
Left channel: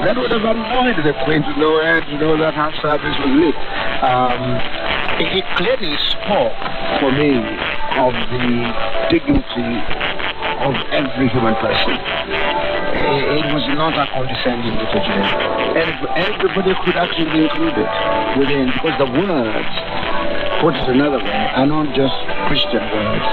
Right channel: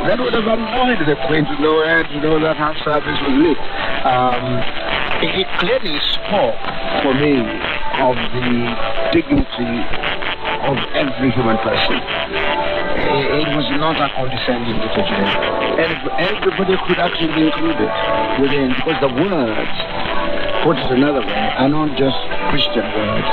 That would have annoyed the Queen to know that her service was leaked. It clearly spoke for me of the dignity of every human person. It was not a condescending liturgy. Everybody could actually be included within, because the words, put it another way, are not just Christian words.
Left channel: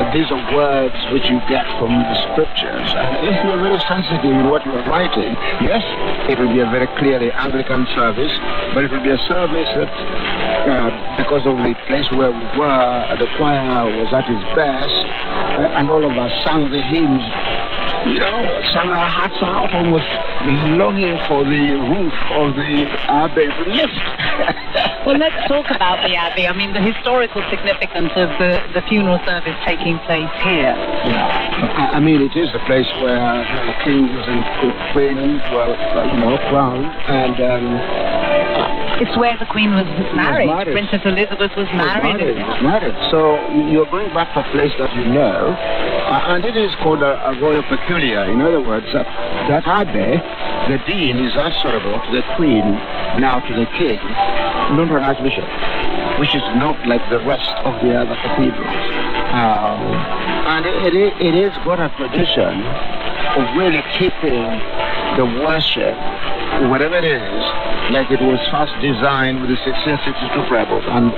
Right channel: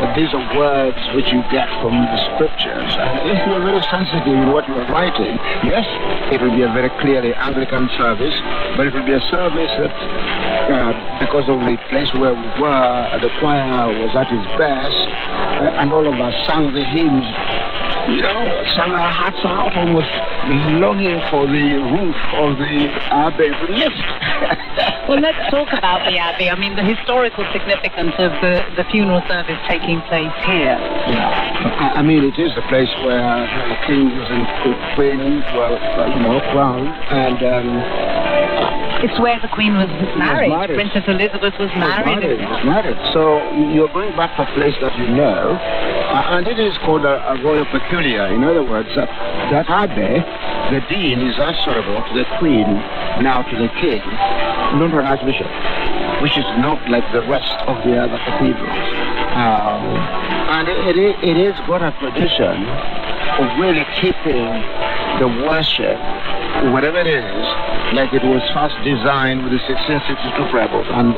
But these are words which you get from the scriptures. And if you're really sensitive in what you're writing, yes, it will be a very clearly Anglican service, but it will be a service that, because of the place where we were, the choir was at its best, and all of us sang the hymns, sang our hearts out almost longing for the roof of the abbey to lift. Well, let's talk about the Abbey. I mean, the historical significance of the funeral service taking place here. Yeah, I mean, it is a place where the king was in Queen, crowned, and it's where the Queen was married. Princess Elizabeth was married. So you're going back to a place that you know, and it is called a royal peculiar. In other words, that abbey, the dean is answerable to the Queen, now to the king, remember Archbishop, which is not like the rest of the other cathedrals. And it is got a tradition of really keeping the worship, whatever it is, like it was first designed with the 1662 prevost. And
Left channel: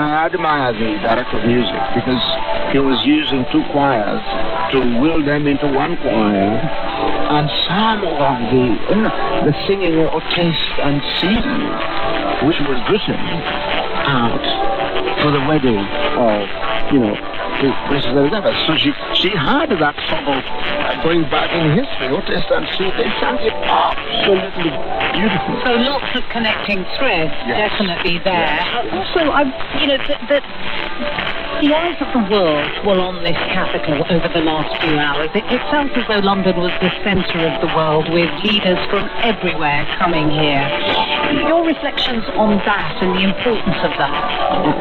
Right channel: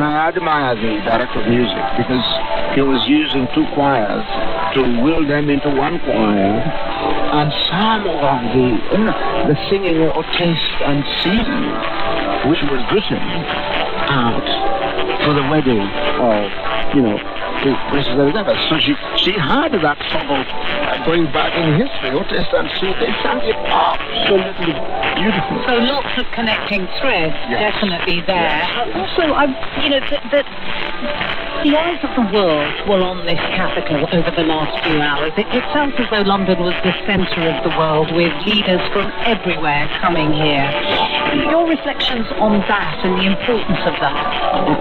I admire the director of music, because he was using two choirs to will them into one choir, and some of the singing of taste and season, which was written out for the wedding of, Princess Elizabeth. So she had that sort of going back in history, Old Testament, so they sound absolutely beautiful. So lots of connecting threads, definitely there. Also, the eyes of the world were on this capital over the last few hours. It sounds as though London was the centre of the world, with leaders from everywhere coming here. Your reflections on that and the importance of that?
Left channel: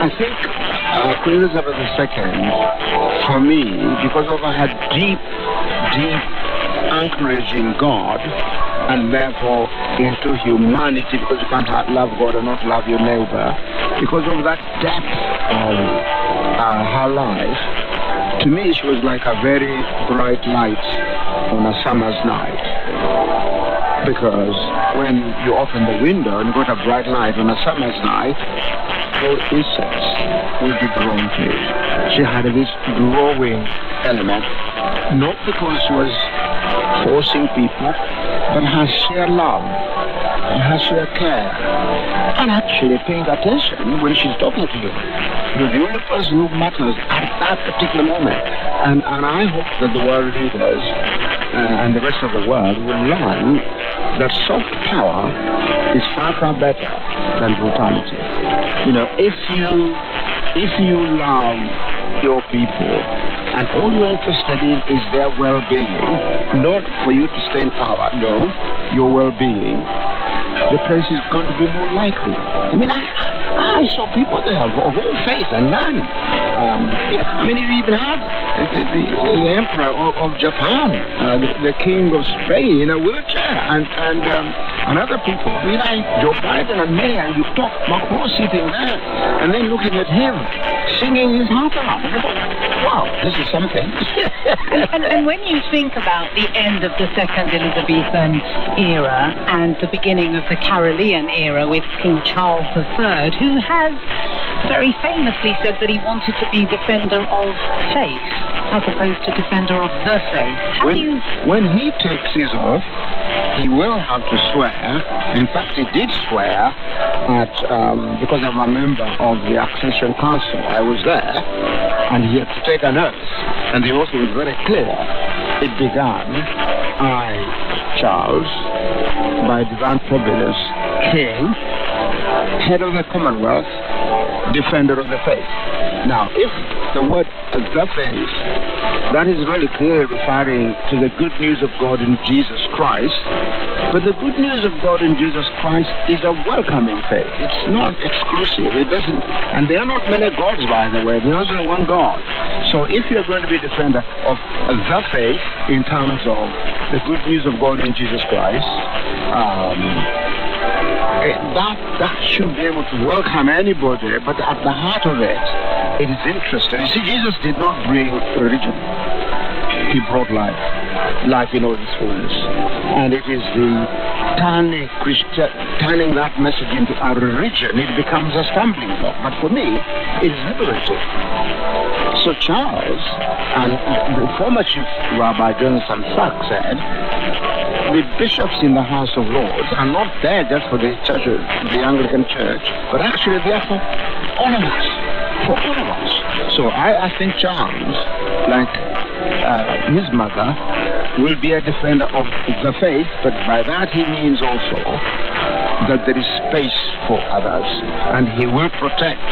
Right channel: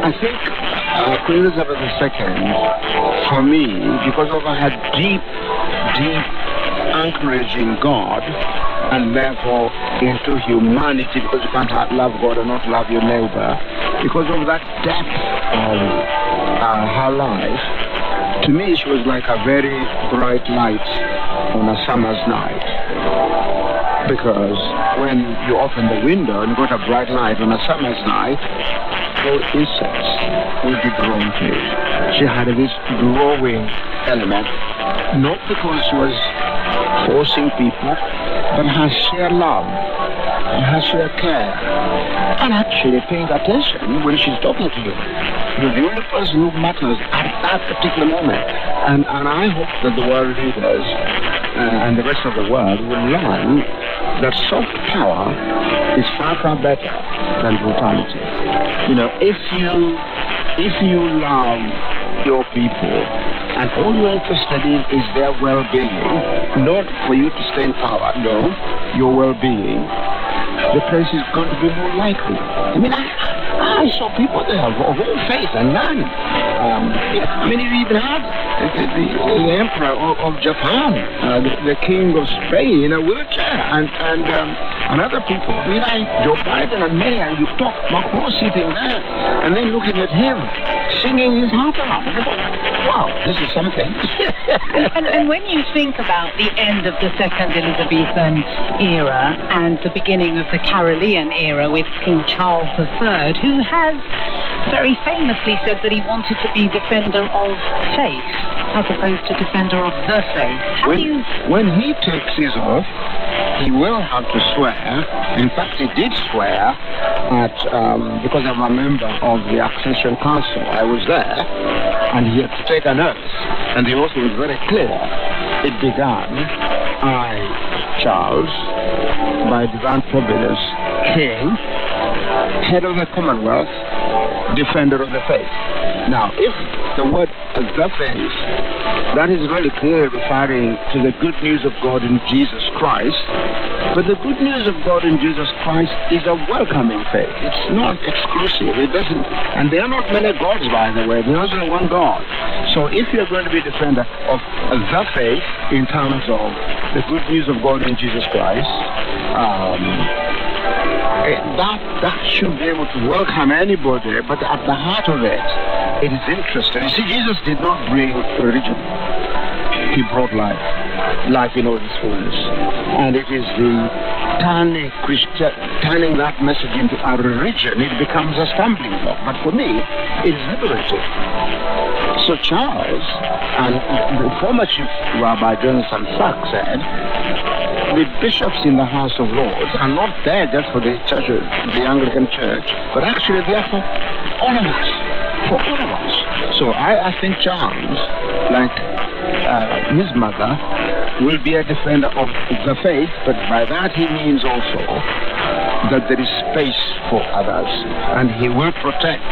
I think Queen Elizabeth II, for me, because of her deep anchorage in God, and therefore into humanity, because you can't love God and not love your neighbor, because of that depth of her life, to me she was like a very bright light on a summer's night. Because when you open the window and you got a bright light on a summer's night, all insects will be grown to it. She had this growing element, not because she was forcing people, but her sheer love, her sheer care, and actually paying attention when she's talking to you. You're the only person who matters at that particular moment. And I hope that the world leaders and the rest of the world will learn that soft power is far better than brutality. If you love your people and all you're interested in is their well-being, not for you to stay in power, no, your well-being, the place is going to be more likely. I mean, I saw people there of all faith and none. You even had the emperor of Japan, the king of Spain in a wheelchair, and other people. We like Joe Biden and me, and you talk about sitting there, and then looking at him, singing his heart out. Wow, this is something. And when you think about the end of the Second Elizabethan era and the beginning of the Carolean era with King Charles III, who has very famously said that he wanted to be defender of faith as opposed to defender of the faith. When he takes his oath, he will have to swear. In fact, he did swear at, because I'm a member of the Accession Council, I was there, and he had to take an oath, and the oath was very clear. It began, I, Charles, by divine providence, King, head of the Commonwealth, defender of the faith. Now, if the word the faith, that is very clearly referring to the good news of God in Jesus Christ. But the good news of God in Jesus Christ is a welcoming faith. It's not exclusive. It doesn't, and there are not many gods, by the way. There's only one God. So if you're going to be a defender of the faith in terms of the good news of God in Jesus Christ, that should be able to welcome anybody, but at the heart of it, it is interesting. You see, Jesus did not bring religion. He brought life in all its fullness. And it is the turning that message into a religion, it becomes a stumbling block. But for me, it's liberating. So Charles, and the former Chief Rabbi Jonathan Sachs said, the bishops in the House of Lords are not there just for the church, the Anglican Church, but actually they are for all of us. For all of us. So I think Charles, like his mother, will be a defender of the faith, but by that he means also that there is space for others, and he will protect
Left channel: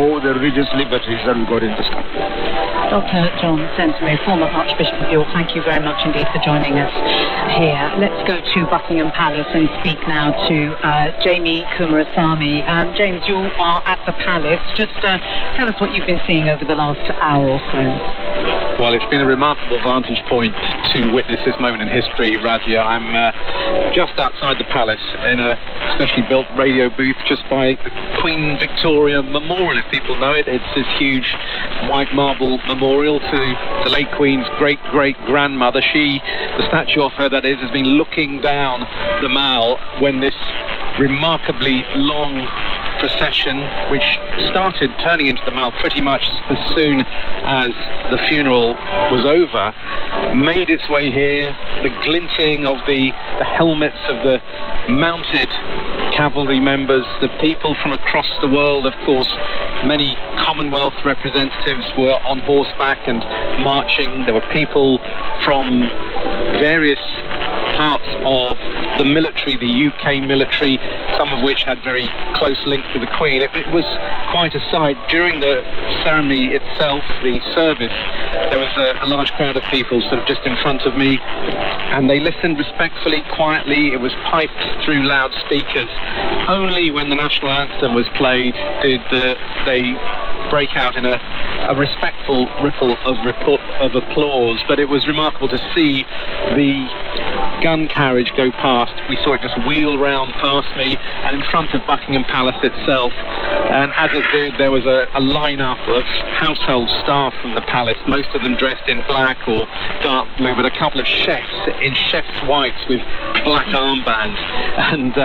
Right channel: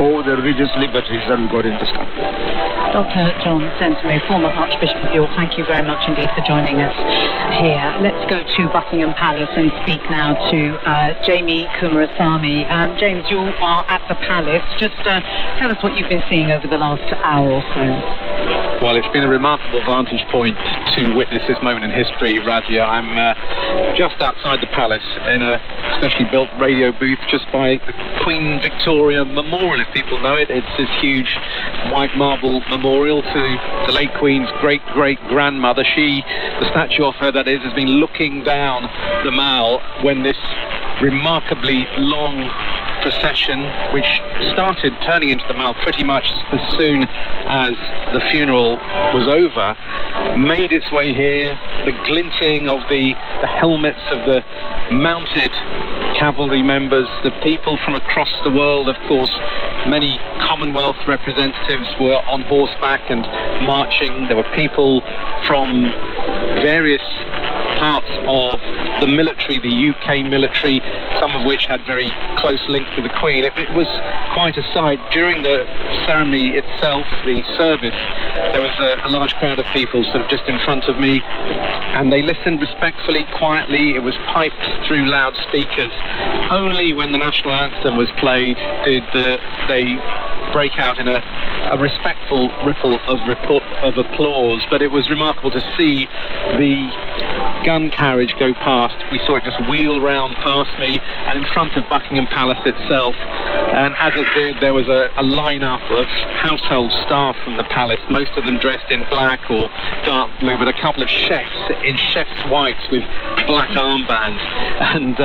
all the religious liberties that God in this country. Dr. John Sensbury, former Archbishop of York, thank you very much indeed for joining us here. Let's go to Buckingham Palace and speak now to Jamie Kumarasamy. James, you are at the palace. Just tell us what you've been seeing over the last hour or so. Well, it's been a remarkable vantage point to witness this moment in history, Radia. I'm just outside the palace in a specially built radio booth just by the Queen Victoria Memorial, if people know it. It's this huge white marble memorial to the late Queen's great-great-grandmother. The statue of her, that is, has been looking down the Mall when this remarkably long procession, which started turning into the Mall pretty much as soon as the funeral was over, made its way here. The glinting of the helmets of the mounted cavalry members, the people from across the world, of course. Many Commonwealth representatives were on horseback and marching. There were people from various parts of the military, the UK military, some of which had very close links with the Queen. It was quite a sight. During the ceremony itself, the service, there was a large crowd of people sort of just in front of me, and they listened respectfully, quietly. It was piped through loudspeakers. Only when the national anthem was played did they break out in a respectful ripple of applause. But it was remarkable to see the gun carriage go past. We saw it just wheel round past me and in front of Buckingham Palace itself, and as it did, there was a line-up of household staff from the palace, most of them dressed in black or dark blue, with a couple of chefs in chef's whites with black armbands, and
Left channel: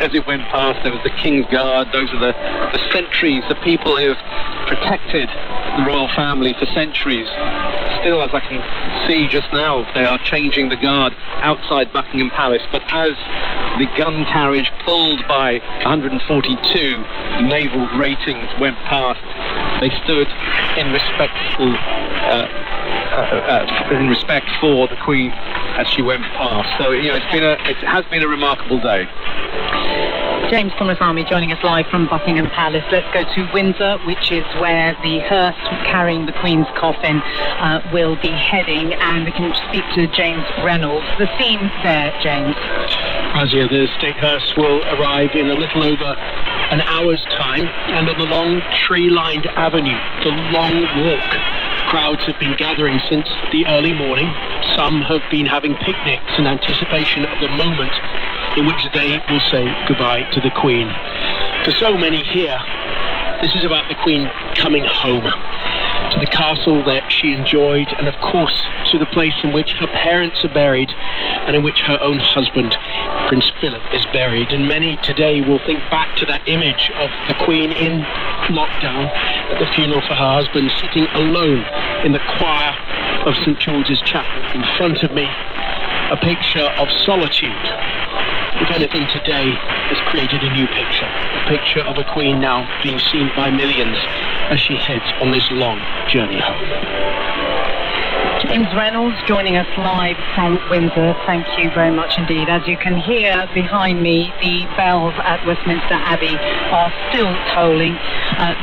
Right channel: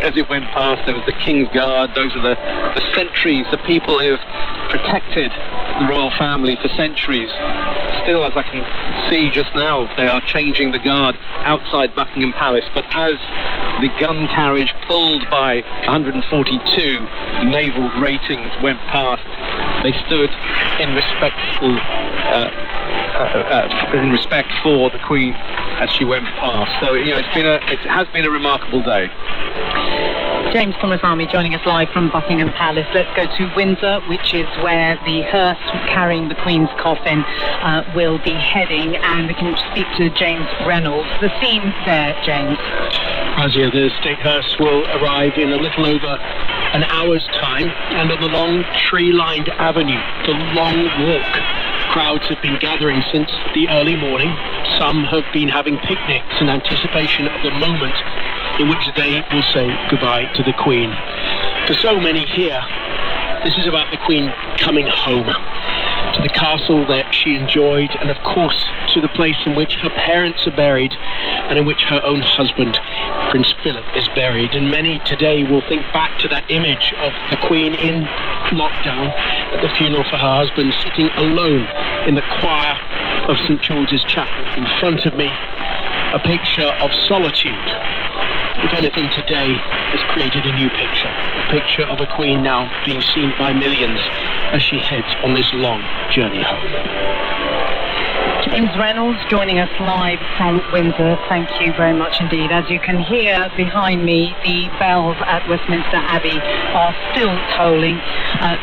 as it went past, there was the King's Guard. Those are the sentries, the people who have protected the royal family for centuries. Still, as I can see just now, they are changing the guard outside Buckingham Palace, but as the gun carriage pulled by 142 naval ratings went past, they stood in respect for the Queen as she went past. So, you know, it has been a remarkable day. James Kumarasamy joining us live from Buckingham Palace. Let's go to Windsor, which is where the hearse carrying the Queen's coffin will be heading, and we can speak to James Reynolds. The scene there, James. Razia, the state hearse will arrive in a little over an hour's time, and on the long tree-lined avenue, the long walk. Crowds have been gathering since the early morning. Some have been having picnics in anticipation of the moment in which they will say goodbye to the Queen. For so many here, this is about the Queen coming home, to the castle that she enjoyed, and of course to the place in which her parents are buried, and in which her own husband, Prince Philip, is buried. And many today will think back to that image of the Queen in lockdown at the funeral for her husband, sitting alone in the choir of St. James's Chapel. In front of me, a picture of solitude. If anything today has created a new picture. A picture of a Queen now being seen by millions as she heads on this long journey home. James Reynolds joining us live from Windsor. Thank you very much indeed. As you can hear behind me, the bells at Westminster Abbey are still tolling.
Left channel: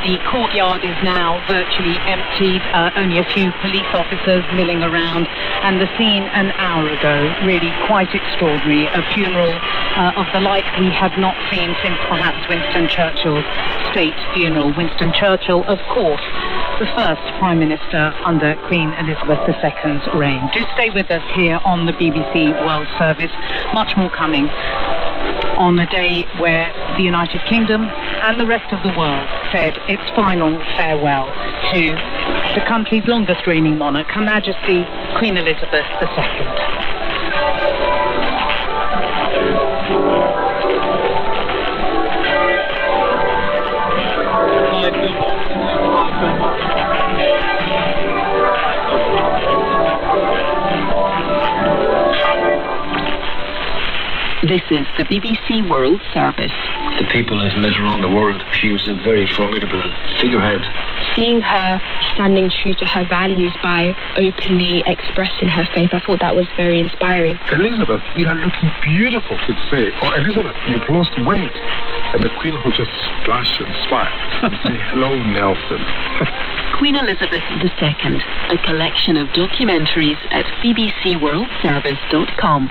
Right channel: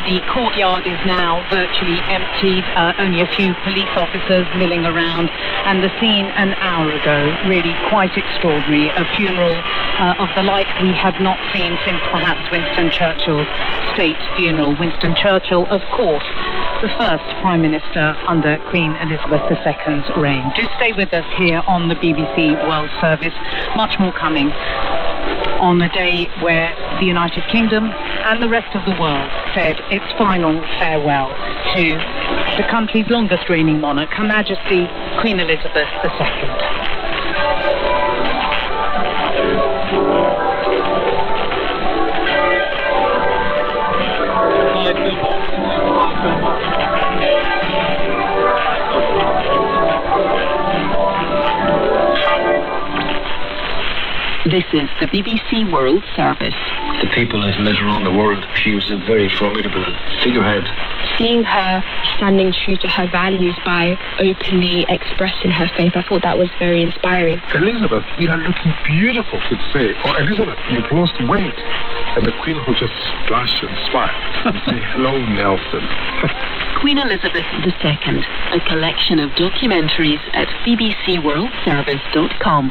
The courtyard is now virtually empty, only a few police officers milling around, and the scene an hour ago, really quite extraordinary. A funeral of the like we have not seen since perhaps Winston Churchill's state funeral. Winston Churchill, of course, the first Prime Minister under Queen Elizabeth II's reign. Do stay with us here on the BBC World Service. Much more coming on the day where the United Kingdom and the rest of the world said its final farewell to the country's longest reigning monarch, Her Majesty Queen Elizabeth II. This is the BBC World Service. The people that live around the world, she was a very formidable figurehead. Seeing her standing true to her values by openly expressing her faith, I thought that was very inspiring. Elizabeth, you are looking beautiful, to say. Oh, Elizabeth, you've lost weight. And the Queen would just blush and smile and say, hello, Nelson. Queen Elizabeth II, a collection of documentaries at bbcworldservice.com.